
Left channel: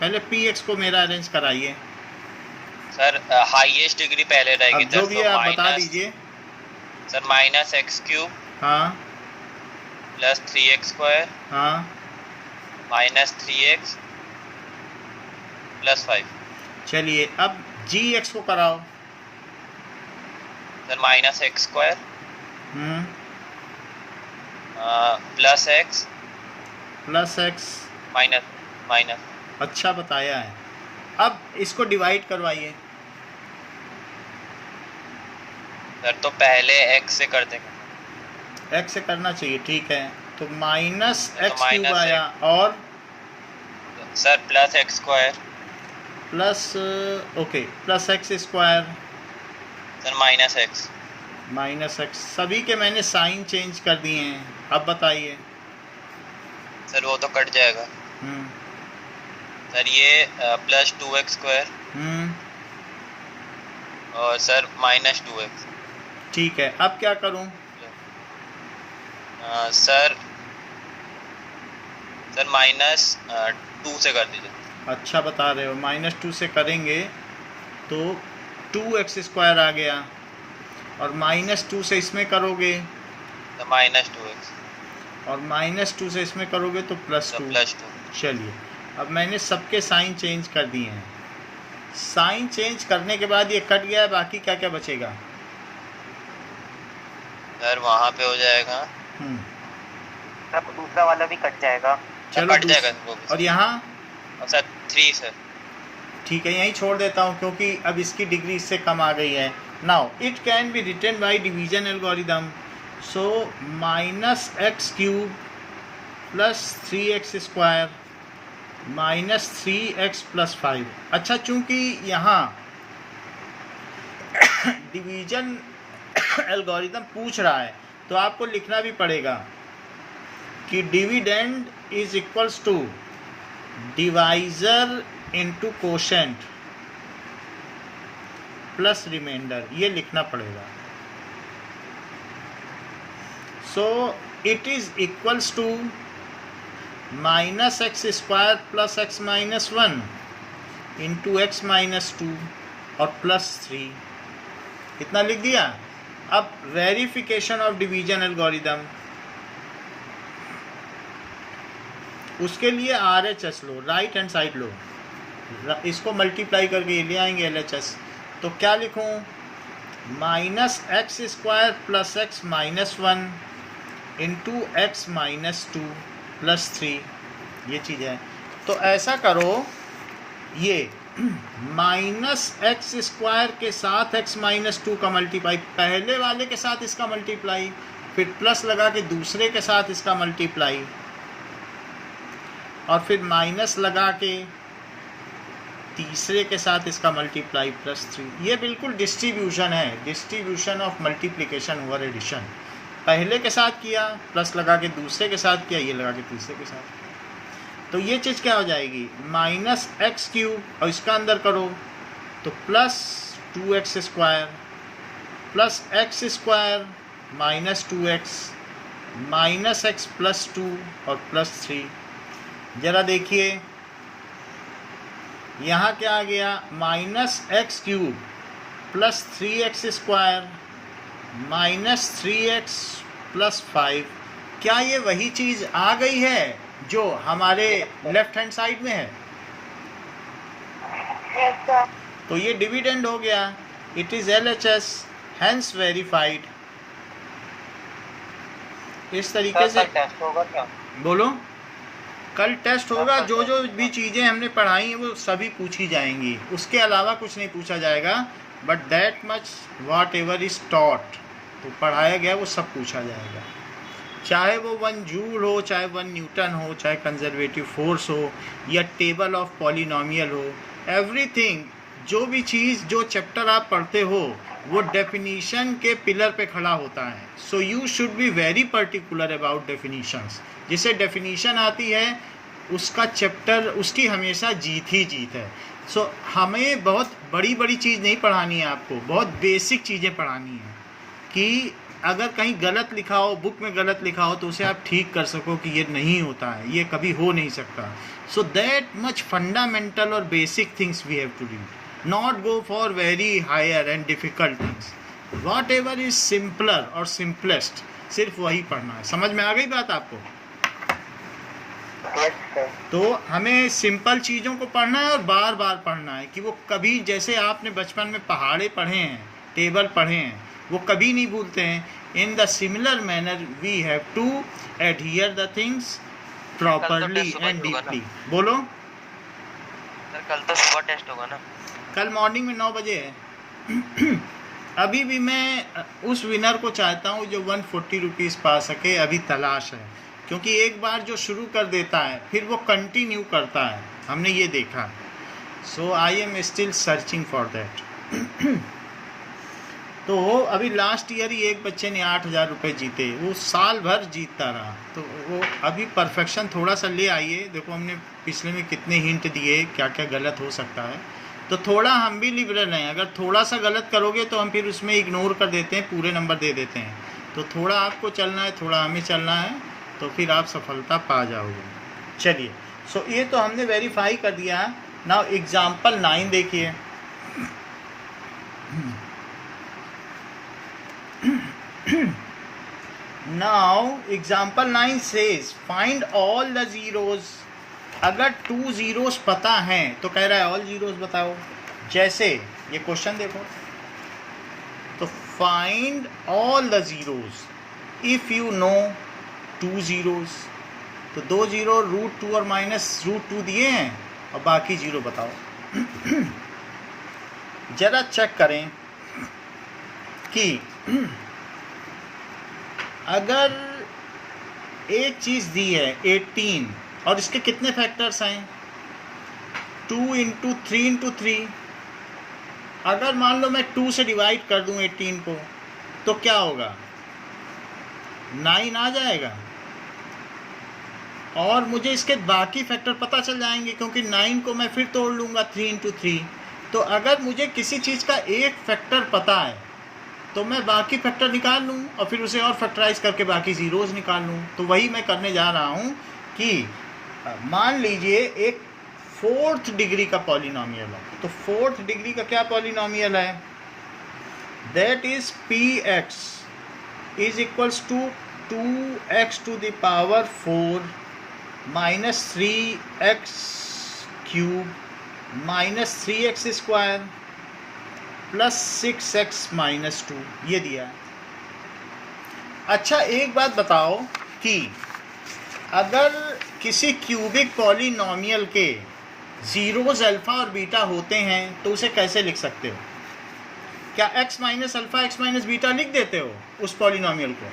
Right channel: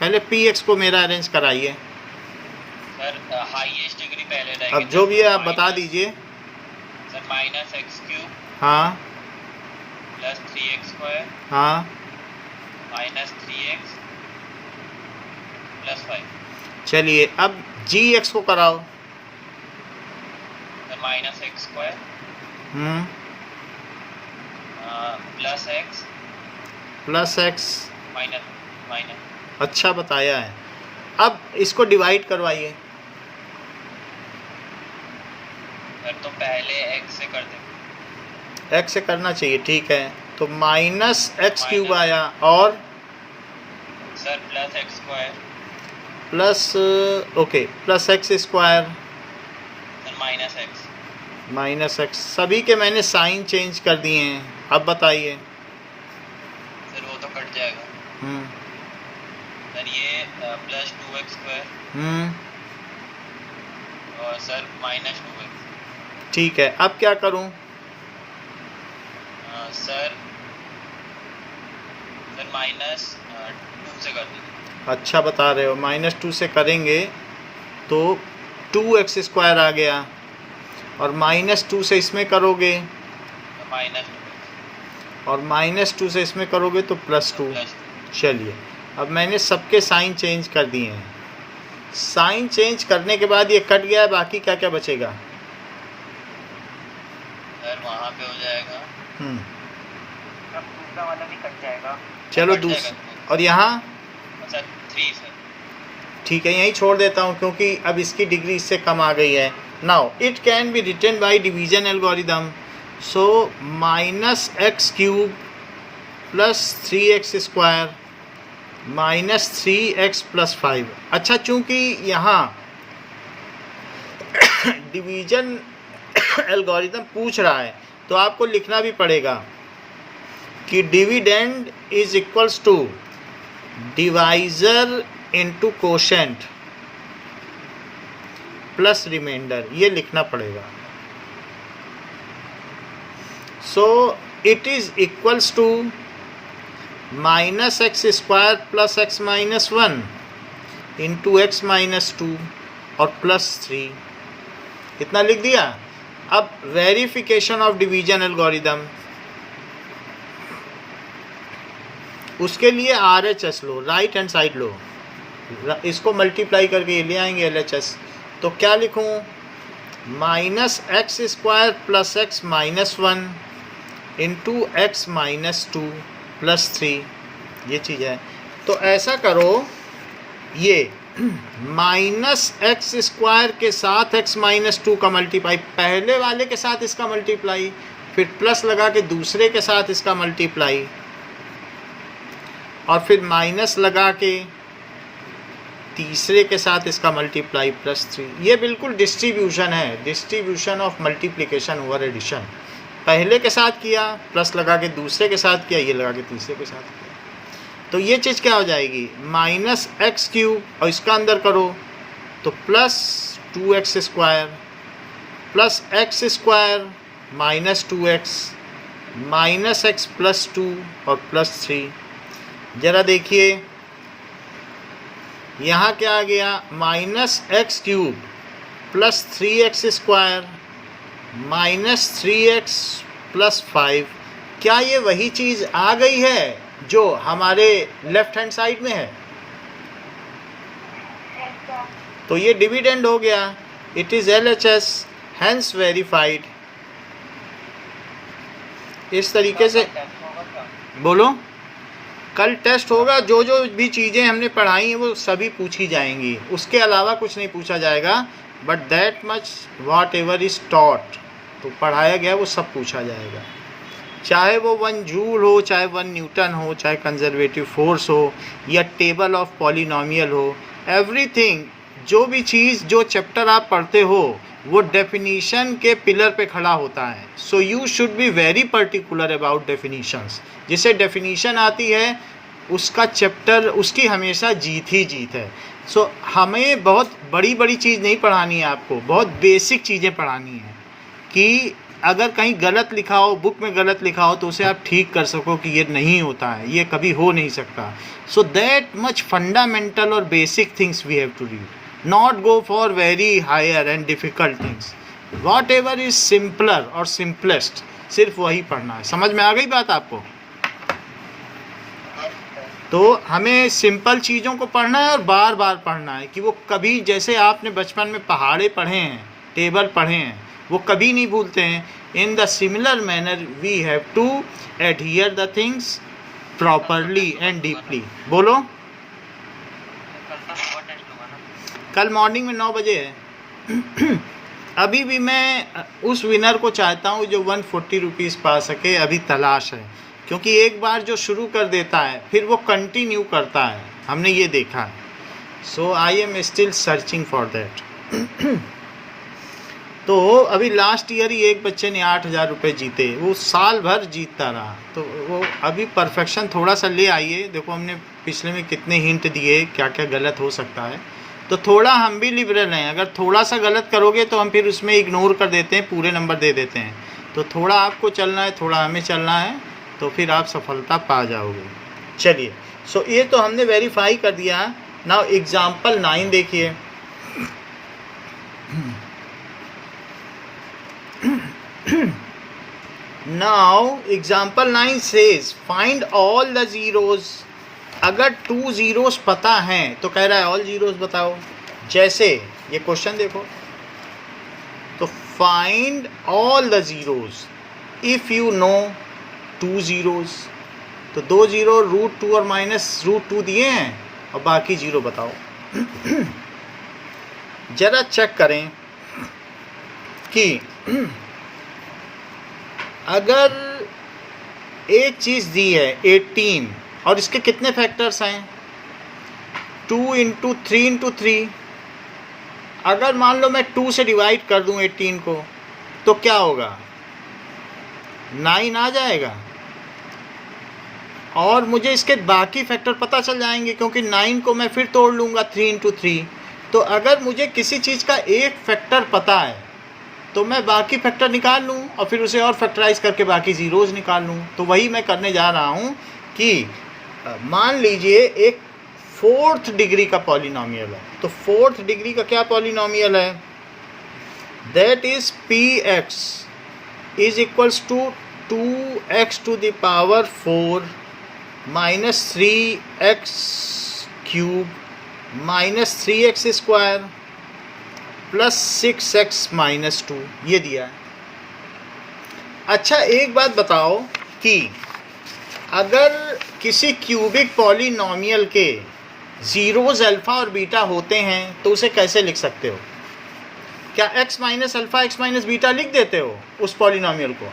पहले पी एक्स को मेरा अरेंज कराइए सर। हाईएस्ट डिग्री पहले रहेगी। अब जो भी है आप बता दीजिए सर। माइनस एक्स क्यूब हाँ प्लस 3x स्क्वायर हाँ माइनस 3x प्लस 5। चलिए अब जी एक्स को कराओ। Sir minus x square plus x plus x minus minus. अच्छा बताया है। अब इसको डिवाइड करवाइए। सर तो पहले x से कर देंगे। एक्स से करना चाहिए, ठीक है। तो माइनस एक्स क्यूब minus आया और sir plus x square plus okay plus x square sir minus x. Minus x. सभी के मैंने साइन चेंज कर दिए हैं। अब बताइए। सर वो तो कट जाएगा। हम्म सर ये प्लस 2x स्क्वायर हम्म और सर माइनस 2x। ठीक है, अब क्या करूं? सर माइनस 2 से कर दीजिए। अच्छा बता रहे हो। माइनस 2 से करेंगे तो 2x स्क्वायर आ गया, और माइनस 2 से इसमें करोगे तो माइनस 2x और माइनस 2 से इसमें करोगे तो प्लस 2। प्लस 2। चलिए अब मैंने सबके साइन चेंज कर दिए हैं। साइन चेंज करने के बाद ये कट गया है, बाकी क्या क्या बचेगा? सर वहाँ पे हो जाएगा। सर दूसरा वाला भी कट जाएगा। चलो कट जाएगा और यहाँ सर 3 सर। ठीक है, यहीं छोड़ देता हूँ क्योंकि अब इसकी डिग्री इससे कम आ गई है। Now it can be written by division algorithm. So minus x cube plus 3x square minus 3x plus 5। अच्छा, चूँकि यहाँ डिवीजन एल्गोरिदम पूछ रहा है तो आपको लिखना भी पड़ेगा कि dividend is equals to divisor into quotient plus remainder, ये लिखना पड़ेगा। So it is equals to minus x square plus x minus 1 into x minus 2 और प्लस 3। इतना लिख दिया। अब वेरिफिकेशन ऑफ डिवीजन एल्गोरिदम, उसके लिए RHS लो, राइट हैंड साइड लो, इसको मल्टीप्लाई करके ये ले आएंगे LHS। तो क्या लिखूं? Minus x square plus x minus 1 into x minus 2 plus 3, ये चीज़ है। तो ऐसा करो, ये माइनस एक्स स्क्वायर के साथ एक्स माइनस 2 का मल्टीप्लाई, पहले वाले के साथ इसका मल्टीप्लाई, फिर प्लस लगा के दूसरे के साथ इसका मल्टीप्लाई, और फिर माइनस लगा के तीसरे के साथ इसका मल्टीप्लाई प्लस 3। ये बिल्कुल डिस्ट्रीब्यूशन है, distribution of multiplication over addition. पहले के साथ किया, प्लस लगा के दूसरे के साथ किया, ये लगा के तीसरे के साथ किया। तो ये चीज़ क्या हो जाएगी? माइनस एक्स क्यूब, और इसका अंदर करो तो plus 2x square plus x square minus 2x minus x plus 2 और प्लस 3। ज़रा देखिए यहाँ क्या आ गया? Minus x cube plus 3x square minus 3x plus 5। क्या ये वही चीज़ आ गई है जो हमारे लेफ्ट हैंड साइड में है? Yes, sir. तो ये डिविडेंड हो गया। It is LHS, hence verified. इस तरीके से टेस्ट होगा क्या? बोलो। कल टेस्ट होगा, जो जो भी चीज़ें हमने पढ़ाई हैं वो सभी पूछी जाएंगी, उसके अलावा कुछ नहीं पूछा जाएगा। But that much whatever is taught, तो पढ़ाया गया वो सब पूछा जाएगा, चाहे वो 1 जूल हो, चाहे 1 न्यूटन हो, चाहे कंजर्वेटिव फोर्स हो, या टेबल ऑफ पॉलिनोमियल हो, एवरीथिंग। जो भी चीज़, जो चैप्टर आप पढ़ते हो वो डेफिनीशन के पिलर पे खड़ा होता है। So you should be very particular about definitions. जिसे डेफिनीशन आती है उसका चैप्टर, उसकी हमेशा जीत ही जीत है। सो हमें बहुत बड़ी बड़ी चीज़ नहीं पढ़ानी है, आपको बहुत बेसिक चीज़ें पढ़ानी है कि अगर कहीं गलत लिखा हो, बुक में गलत लिखा हो, तो उसे आप ठीक कर सको कि ये नहीं होता है, ये कभी हो नहीं सकता। सो दैट मच फंडामेंटल और basic things we have to read, not go for very higher and difficult things. Whatever is simpler or simplest, सिर्फ वही पढ़ना है। समझ में आ गई बात आपको? Yes sir. तो हमें सिंपल चीज़ों को पढ़ना है और बार बार पढ़ना है कि वो कभी, जैसे आपने बचपन में पहाड़े पढ़े हैं, टेबल पढ़े हैं, वो कभी नहीं भूलते हैं। In the similar manner we have to adhere the things properly and deeply. बोलो। सर कल तो सुबह टेस्ट होगा ना? कल मॉर्निंग में 9 बजे है। अभी भी मैं उस विनर को चाहता हूँ जो 140 रुपीज़ पा सके, अभी तलाश है, क्योंकि एक बार जो शुरू कर देता है फिर वो कंटिन्यू करता है, हमने ये देखा। So I am still searching for that. तो अभी लास्ट ईयर ही एक बच्चे ने 8,000 रुपये जीते, वो साल भर जीतता रहा। तो वो अभी परफेक्शन थोड़ा सा ले आइए। देखो हमने पिछले में कितने हिंट दिए, क्या क्या गलत हो सकता है। तो थोड़ा हम भी लिबरल हैं, अगर थोड़ा सा गलत करोगे तो हम फिर उसमें इग्नोर कर देते हैं, पूरे नंबर दे देते हैं। तो थोड़ा आपको चलना है, थोड़ा हमें चलना है, तो फिर आप सफलता पा जाओगे। चलिए, सो ये तो हमने वेरीफाई कर दिया है। नाउ एग्जाम्पल 9 देखिए। Now example 9 says find all the zeros. अगर 2 ज़ीरोज़ पता हैं तो कह रहा है ऑल ज़ीरोज़ बताओ। जैसे ये क्वेश्चन देखो, तो find all the zeros if you know 2 zeros. तो 2 ज़ीरो √2 और -√2 दिए हैं और बाकी ज़ीरो बताओ। ज़रा चेक करें कि अगर एक चीज़ दी है 18 और इसके कितने फैक्टर्स हैं, 2 × 3 × 3। अगर मान लो मैं 2 से डिवाइड कर दूं 18 को, तो क्या होगा, 9 आ जाएगा। और मुझे इसके बाकी फैक्टर पता चल जाएंगे, क्योंकि 9 को मैं फिर तोड़ लूँगा 3 × 3। तो अगर मुझे किसी चीज़ का एक फैक्टर पता है तो मैं बाकी फैक्टर निकाल लूँ और फिर उसे और फैक्टराइज करके बाकी ज़ीरोज़ निकाल लूँ। तो वही मैं करने जा रहा हूँ कि मान लीजिए एक 4th डिग्री का पॉलिनोमियल है। तो 4th डिग्री का क्या पॉलिनोमियल है, that is px is equals to 2x to the power 4 minus 3x cube minus 3x square plus 6x - 2, ये दिया है। अच्छा एक बात बताओ कि अगर किसी क्यूबिक पॉलिनोमियल के ज़ीरोज़ अल्फ़ा और बीटा होते हैं तो उसे कैसे लिख सकते हो? क्या x - अल्फ़ा x - बीटा लिख देते हो उस पॉलिनोमियल को?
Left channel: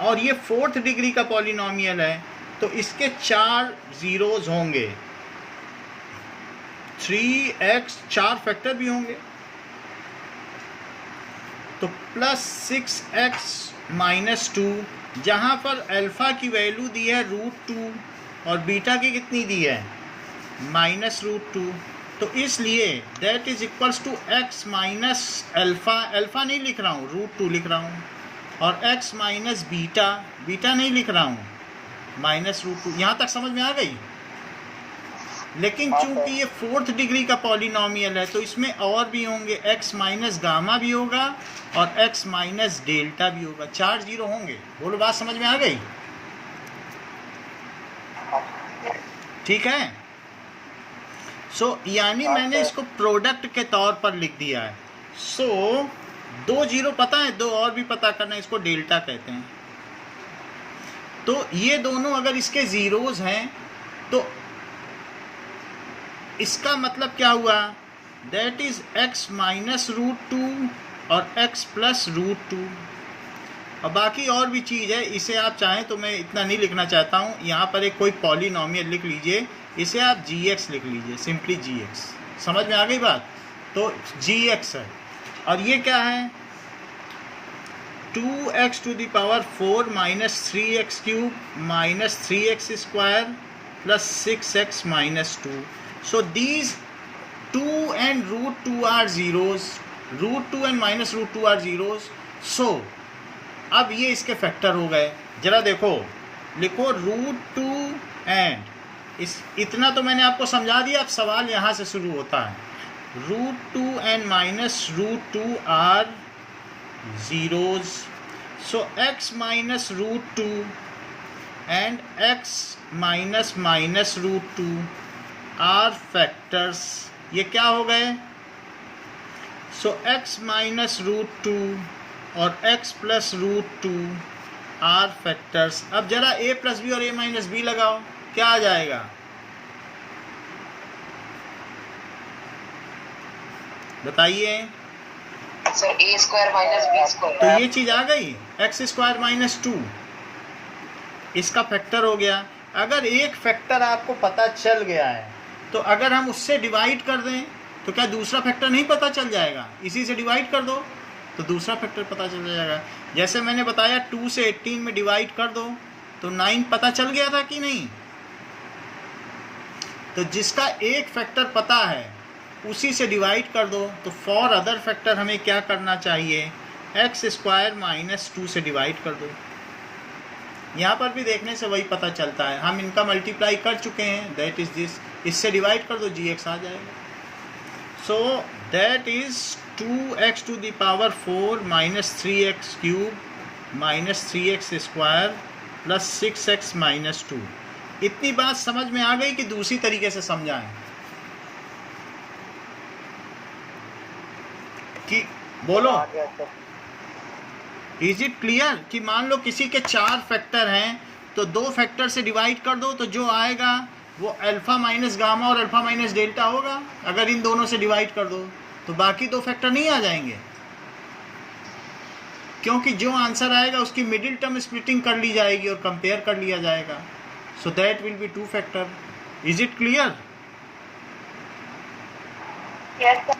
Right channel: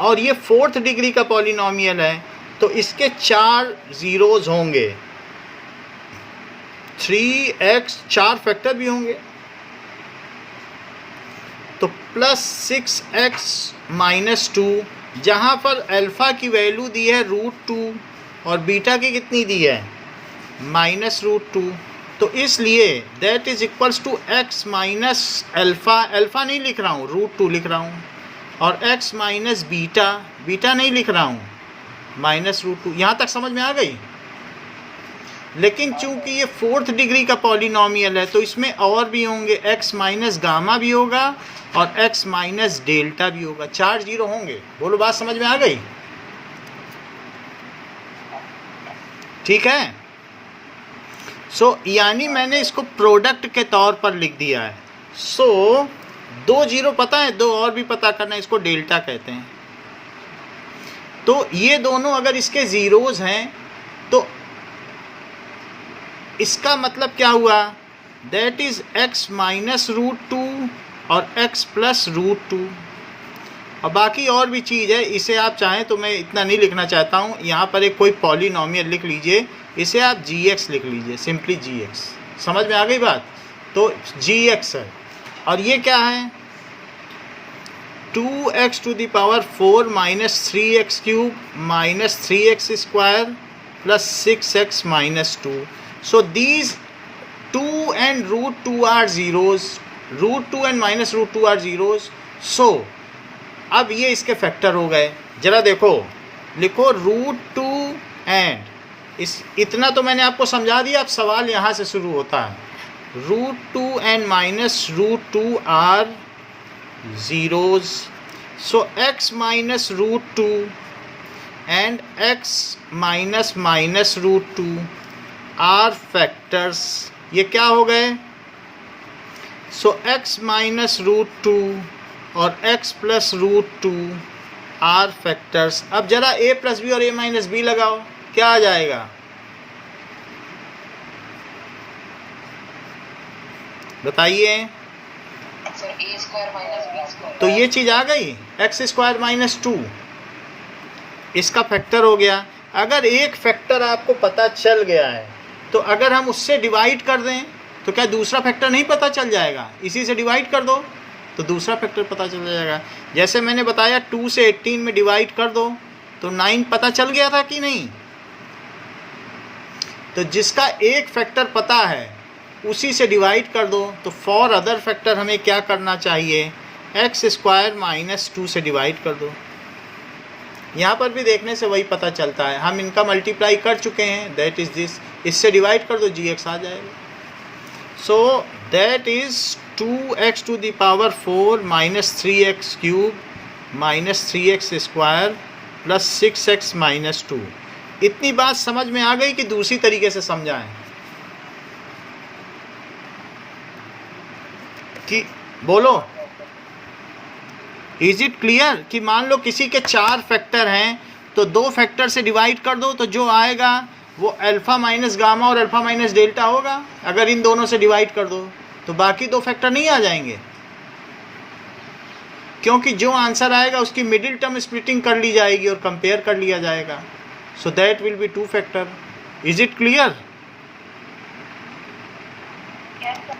और ये 4th डिग्री का पॉलिनोमियल है, तो इसके 4 ज़ीरोज़ होंगे, 3x 4 फैक्टर भी होंगे, तो प्लस 6x - 2, जहाँ पर अल्फ़ा की वैल्यू दी है √2 और बीटा की कितनी दी है -√2। तो इसलिए that is equals to x - alpha नहीं लिख रहा हूँ, √2 लिख रहा हूँ, और x - बीटा नहीं लिख रहा हूँ, -√2। यहाँ तक समझ में आ गई? लेकिन चूंकि ये 4th डिग्री का पॉलिनोमियल है तो इसमें और भी होंगे, x - गामा भी होगा और x - डेल्टा भी होगा। 4 ज़ीरो होंगे। बोलो, बात समझ में आ गई? ठीक है। सो यानी मैंने इसको प्रोडक्ट के तौर पर लिख दिया है। सो 2 ज़ीरो पता है, 2 और भी पता करना है, इसको डेल्टा कहते हैं। तो ये दोनों अगर इसके ज़ीरोज़ हैं तो इसका मतलब क्या हुआ, that is x minus root two और x प्लस रूट टू। और बाकी और भी चीज़ है, इसे आप चाहें तो मैं इतना नहीं लिखना चाहता हूँ। यहाँ पर एक कोई पॉलिनोमियल लिख लीजिए, इसे आप gx लिख लीजिए, सिंपली gx। समझ में आ गई बात? तो gx है और ये क्या है, 2x to the power 4 minus 3x cube minus 3x square plus 6x minus 2। So these 2 and root 2 are zeros, root 2 and minus root 2 are zeros. So अब ये इसके फैक्टर हो गए। जरा देखो, लिखो रूट 2 एंड इतना तो मैंने आपको समझा दिया। अब सवाल यहाँ से शुरू होता है, root 2 and minus root 2 are zeros. So x minus root 2 and x minus root 2 are factors. ये क्या हो गए? So x minus root 2 और x plus root 2 are factors. अब जरा a plus b और a minus b लगाओ, क्या आ जाएगा? बताइए। सर ए स्क्वायर माइनस बी स्क्वायर। तो ये चीज़ आ गई, एक्स स्क्वायर माइनस 2 इसका फैक्टर हो गया। अगर एक फैक्टर आपको पता चल गया है तो अगर हम उससे डिवाइड कर दें तो क्या दूसरा फैक्टर नहीं पता चल जाएगा? इसी से डिवाइड कर दो तो दूसरा फैक्टर पता चल जाएगा। जैसे मैंने बताया 2 से 18 में डिवाइड कर दो तो 9 पता चल गया था कि नहीं? तो जिसका एक फैक्टर पता है उसी से डिवाइड कर दो। तो फॉर अदर फैक्टर हमें क्या करना चाहिए, एक्स स्क्वायर माइनस 2 से डिवाइड कर दो। यहाँ पर भी देखने से वही पता चलता है, हम इनका मल्टीप्लाई कर चुके हैं, दैट इज़ दिस। इससे डिवाइड कर दो, जी एक्स आ जाएगा। So that is 2x to the power 4 minus 3x cube minus 3x square plus 6x minus 2। इतनी बात समझ में आ गई कि दूसरी तरीके से समझाएं कि बोलो, इज इट क्लियर? कि मान लो किसी के 4 फैक्टर हैं तो 2 फैक्टर से डिवाइड कर दो तो जो आएगा वो अल्फ़ा माइनस गामा और अल्फ़ा माइनस डेल्टा होगा। अगर इन दोनों से डिवाइड कर दो तो बाकी 2 फैक्टर नहीं आ जाएंगे, क्योंकि जो आंसर आएगा उसकी मिडिल टर्म स्प्लिटिंग कर ली जाएगी और कंपेयर कर लिया जाएगा। So that will be 2 factor. Is it clear? Yes, sir.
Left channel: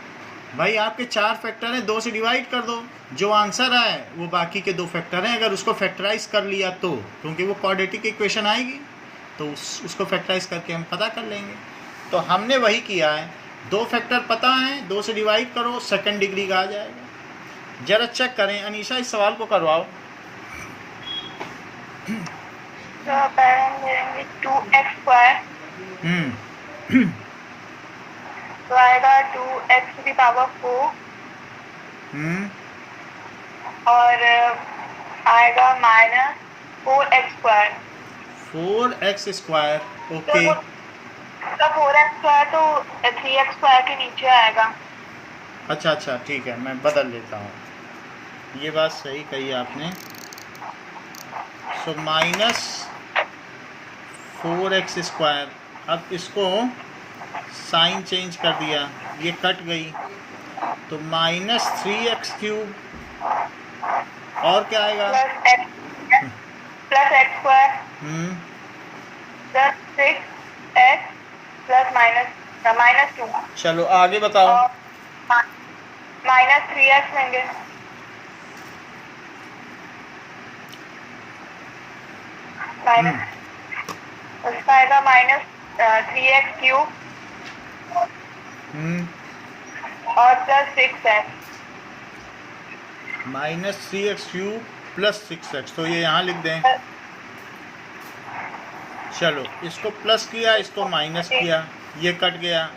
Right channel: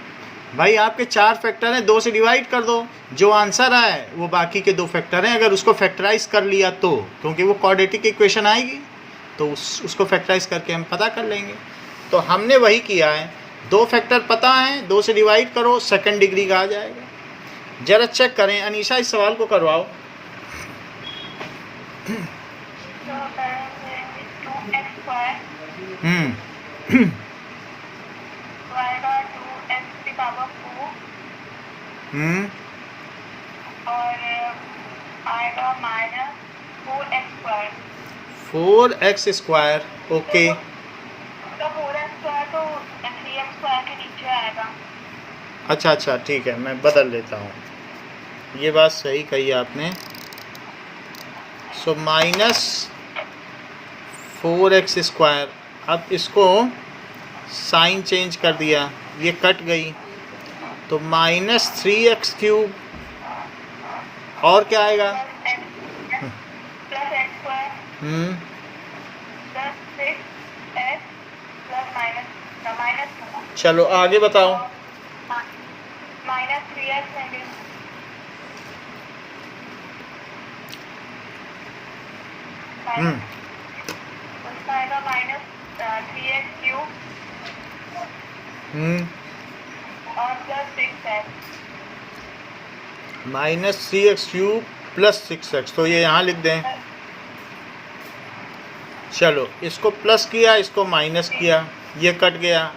भाई आपके 4 फैक्टर हैं, 2 से डिवाइड कर दो, जो आंसर आए वो बाकी के 2 फैक्टर हैं। अगर उसको फैक्टराइज कर लिया तो, क्योंकि वो क्वाड्रेटिक इक्वेशन आएगी तो उसको फैक्टराइज करके हम पता कर लेंगे। तो हमने वही किया है, 2 फैक्टर पता हैं, 2 से डिवाइड करो, सेकंड डिग्री का आ जाएगा। जरा चेक करें, अनीशा इस सवाल को करवाओ। तो पहले हम लेंगे 2x स्क्वायर, तो आएगा 2x टू द पावर 4 और आएगा minus 4x square. 4x square, okay. तो 4x स्क्वायर तो 3x स्क्वायर के नीचे आएगा। अच्छा ठीक है, मैं बदल लेता हूँ, ये बात सही कही आपने। सो माइनस 4x स्क्वायर, अब इसको साइन चेंज कर दिया, ये कट गई तो माइनस 3x क्यूब और क्या आएगा, plus x square plus 6x plus minus 2। चलो आगे बताओ। माइनस 3x लेंगे, उसका आएगा माइनस 3x क्यूब और plus 6x। Minus 3x cube plus 6x, तो ये यहाँ लिख दें। चलो इसको प्लस किया, इसको माइनस किया, ये कट गया।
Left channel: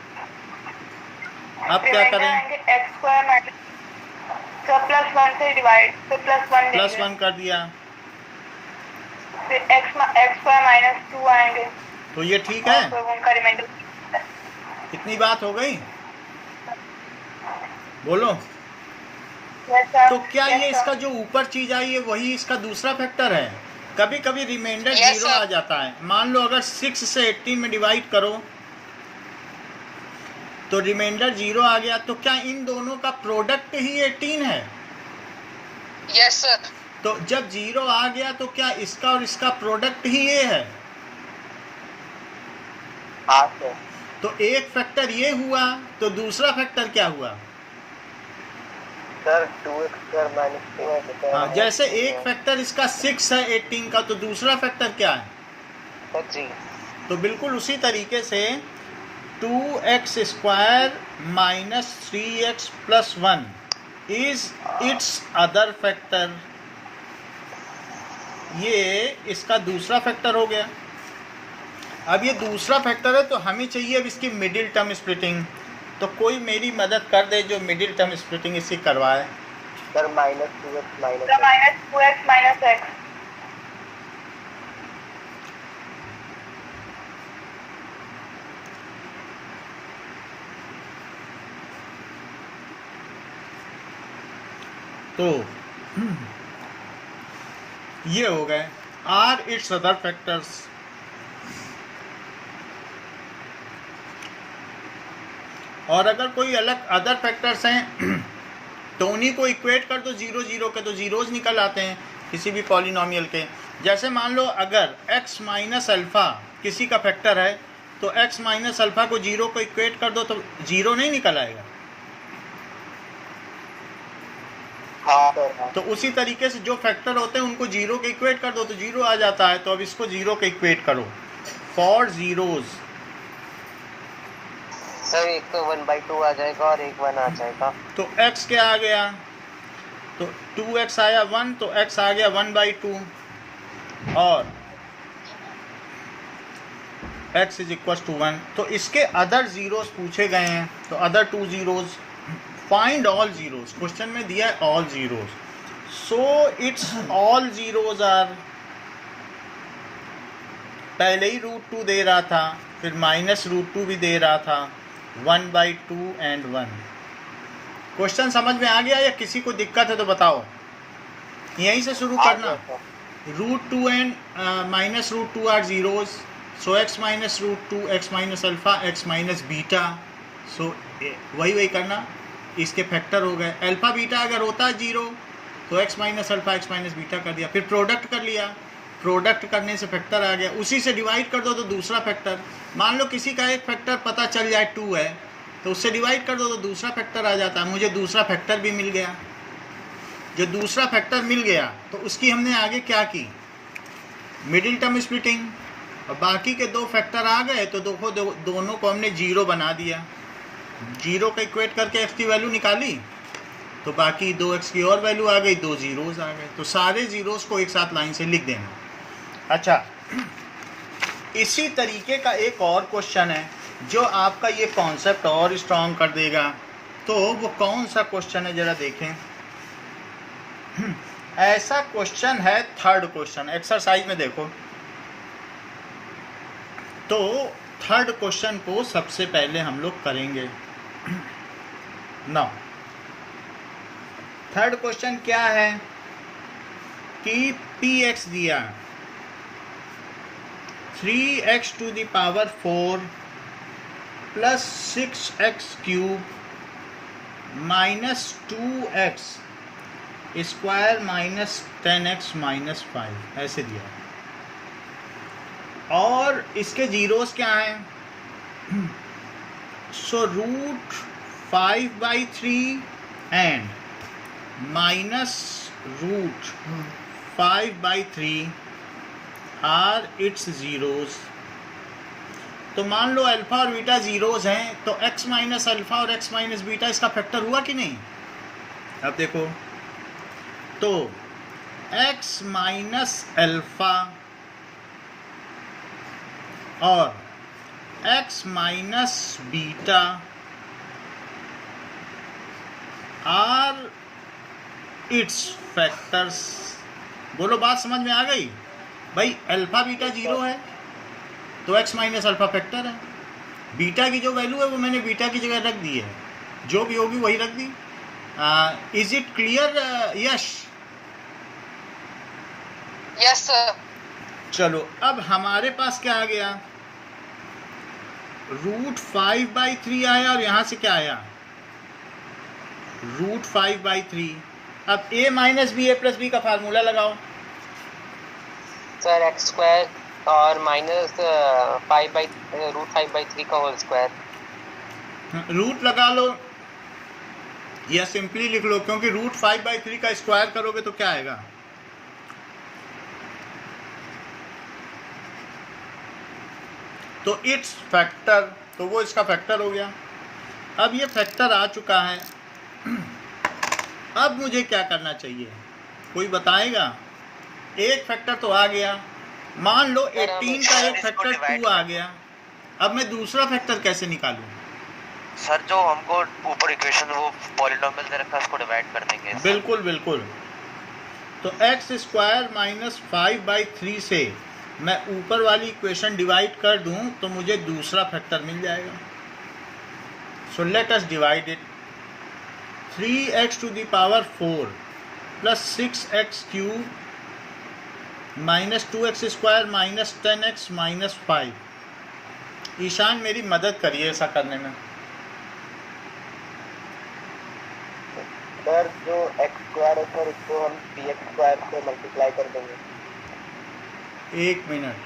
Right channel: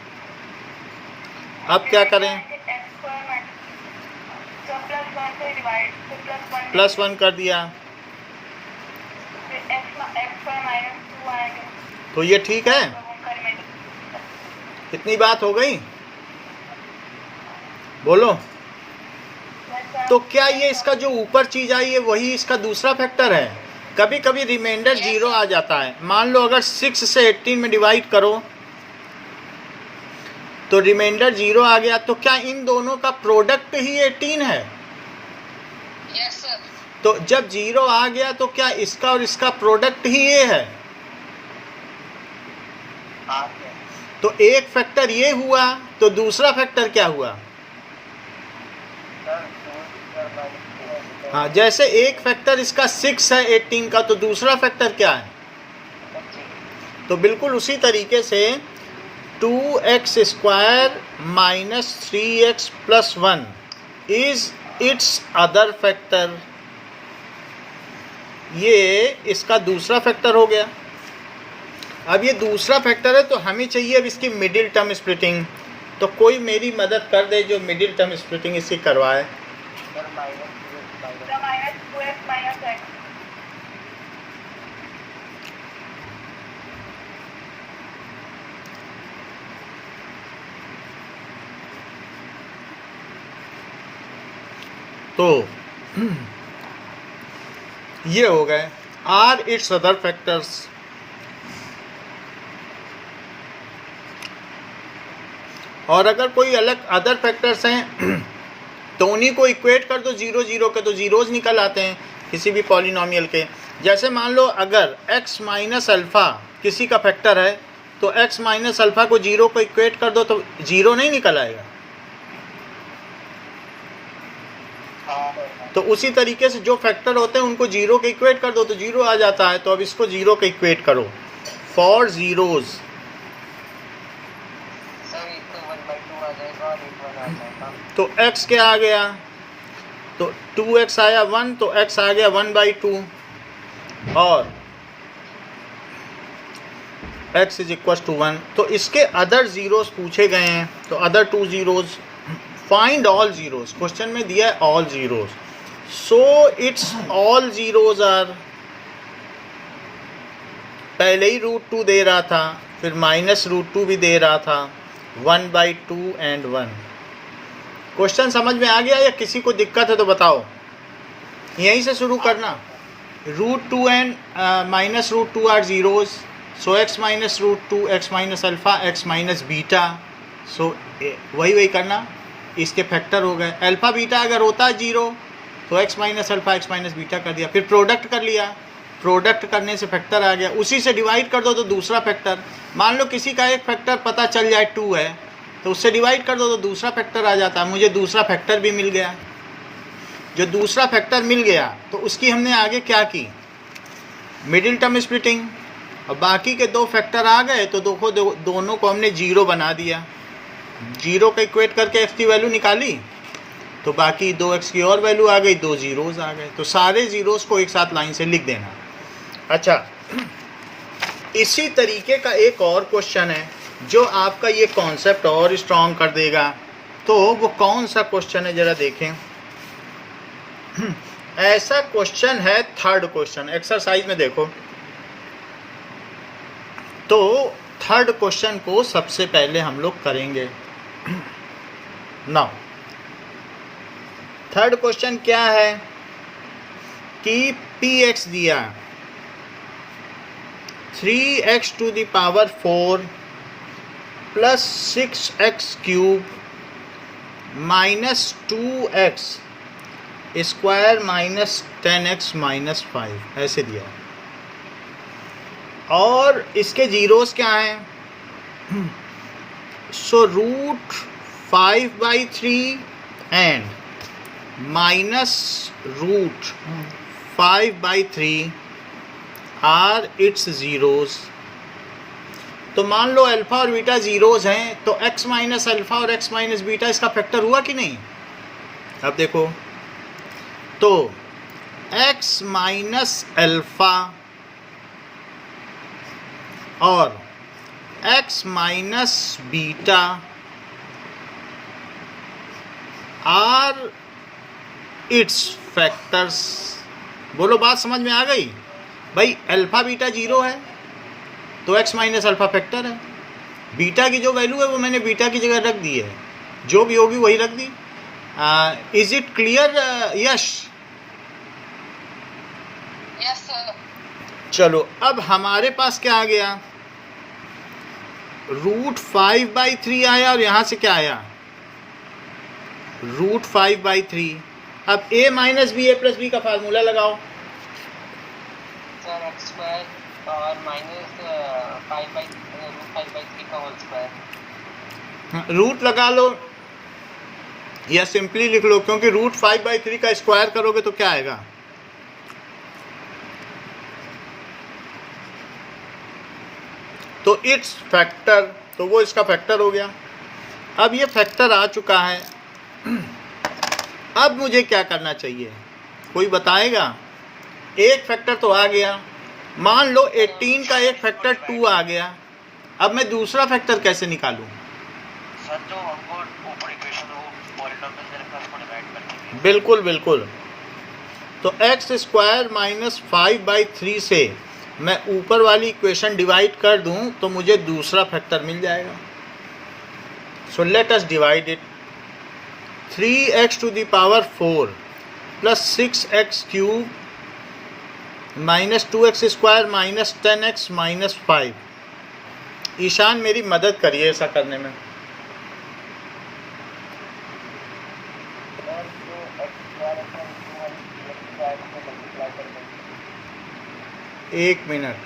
अब क्या करें, एक्स स्क्वायर माइनस तो प्लस 1 से डिवाइड, तो प्लस 1 कर दिया, फिर एक्स स्क्वायर माइनस 2 आएंगे, तो ये ठीक है। तो उनका रिमाइंडर। इतनी बात हो गई, बोलो। तो क्या ये इसका जो ऊपर चीज़ आई है वही इसका दूसरा फैक्टर है? कभी कभी रिमाइंडर Yes, 0 sir. आ जाता है। मान लो अगर 6 से 18 में डिवाइड करो तो रिमाइंडर 0 आ गया, तो क्या इन दोनों का प्रोडक्ट ही 18 है? Yes sir. तो जब 0 आ गया तो क्या इसका और इसका प्रोडक्ट ही ये है? हाँ सर। तो एक फैक्टर ये हुआ, तो दूसरा फैक्टर क्या हुआ? सर 2x² माइनस 2 हाँ, जैसे एक फैक्टर इसका 6 है 18 का, तो दूसरा फैक्टर क्या है? सर जी। तो बिल्कुल उसी तरीके से 2x² minus 3x plus 1 is it's other factor. ये इसका दूसरा फैक्टर हो गया। अब ये दूसरा फैक्टर है तो हमें चाहिए अब इसकी मिडिल टर्म स्प्लिटिंग। तो कोई मेरी मदद कर दे जो मिडिल टर्म स्प्लिटिंग इसकी करवाए। Sir minus 2x minus The minus 2x minus x. तो ये हो गए आर इट्स अदर फैक्टर्स। और अगर कोई अलग अदर फैक्टर्स हैं तो उन्हीं को इक्वेट कर दो 0 0 के, तो जीरोज निकल आते हैं किसी भी पॉलिनोमियल के। जैसे मान लो अगर x माइनस अल्फ़ा किसी का फैक्टर है तो x माइनस अल्फ़ा को 0 को इक्वेट कर दो तो 0 नहीं निकल आएगा। हाँ सर। तो उसी तरीके से जो फैक्टर होते हैं उनको 0 के इक्वेट कर दो तो 0 आ जाता है। तो अब इसको 0 के इक्वेट करो फॉर जीरोज। सर एक तो 1/2 आ जाएगा और एक 1 आ जाएगा। तो x क्या आ गया? तो 2x आया 1, तो x आ गया 1/2 और x इज इक्वल टू 1। तो इसके अदर जीरोस पूछे गए हैं, तो other 2 zeros find all zeros. Question में दिया है all zeros, so its all zeros are, पहले ही √2 दे रहा था, फिर -√2 भी दे रहा था, 1/2 एंड 1। क्वेश्चन समझ में आ गया या किसी को दिक्कत है तो बताओ? यहीं से शुरू करना। √2 and -√2 are zeros, so x minus √2, x minus alpha, x minus beta. So वही करना, इसके फैक्टर हो गए। अल्फ़ा बीटा अगर होता है 0 तो x minus alpha x minus beta कर दिया, फिर प्रोडक्ट कर लिया, प्रोडक्ट करने से फैक्टर आ गया, उसी से डिवाइड कर दो तो दूसरा फैक्टर। मान लो किसी का एक फैक्टर पता चल जाए 2 है तो उससे डिवाइड कर दो तो दूसरा फैक्टर आ जाता है। मुझे दूसरा फैक्टर भी मिल गया। जो दूसरा फैक्टर मिल गया तो उसकी हमने आगे क्या की? Middle term splitting. और बाकी के 2 फैक्टर आ गए तो दोनों को हमने 0 बना दिया। 0 का इक्वेट करके x की वैल्यू निकाली तो बाकी 2x की और वैल्यू आ गई, 2 जीरोज आ गए। तो सारे जीरोस को एक साथ लाइन से लिख देना। अच्छा, इसी तरीके का एक और क्वेश्चन है जो आपका ये कॉन्सेप्ट और स्ट्रॉन्ग कर देगा। तो वो कौन सा क्वेश्चन है ज़रा देखें। ऐसा क्वेश्चन है, थर्ड क्वेश्चन, एक्सरसाइज में देखो। तो थर्ड क्वेश्चन को सबसे पहले हम लोग करेंगे। नाउ थर्ड क्वेश्चन क्या है कि px दिया 3x to the power 4 plus 6x cube minus 2x square minus 10x minus 5 ऐसे दिया। और इसके जीरोस क्या हैं? So √5/3 and minus √5/3 are its zeros. तो मान लो अल्फ़ा और बीटा जीरोस हैं तो x माइनस अल्फ़ा और x माइनस बीटा इसका फैक्टर हुआ कि नहीं? अब देखो, तो x माइनस अल्फ़ा और x minus beta are its factors. बोलो, बात समझ में आ गई? भाई अल्फ़ा बीटा 0 है तो x माइनस अल्फ़ा फैक्टर है। बीटा की जो वैल्यू है वो मैंने बीटा की जगह रख दी है, जो भी होगी वही रख दी। Is it clear? Yes yes sir. चलो अब हमारे पास क्या आ गया, √5/3 आया और यहाँ से क्या आया, √5/3। अब a minus b a plus b का फार्मूला लगाओ। सर एक्स स्क्वायर और माइनस √5/3 का होल स्क्वायर। रूट लगा लो या सिंपली लिख लो, क्योंकि √5/3 का स्क्वायर करोगे तो क्या आएगा, तो इट्स फैक्टर, तो वो इसका फैक्टर हो गया। अब ये फैक्टर आ चुका है, अब मुझे क्या करना चाहिए, कोई बताएगा। एक फैक्टर तो आ गया, मान लो 18 का एक फैक्टर 2 आ गया, अब मैं दूसरा फैक्टर कैसे निकालूं। सर जो हमको ऊपर इक्वेशन वो पॉलिनोमियल दे रखा है उसको डिवाइड कर देंगे। बिल्कुल बिल्कुल। तो x² माइनस 5/3 से मैं ऊपर वाली इक्वेशन डिवाइड कर दूं तो मुझे दूसरा फैक्टर मिल जाएगा। So let us divide it. 3x⁴ plus 6x³ minus 2x² minus 10x minus 5। Ishan मेरी मदद करिए ऐसा करने में। सर जो x² है सर उसको हम px² से मल्टीप्लाई कर देंगे। 1 मिनट।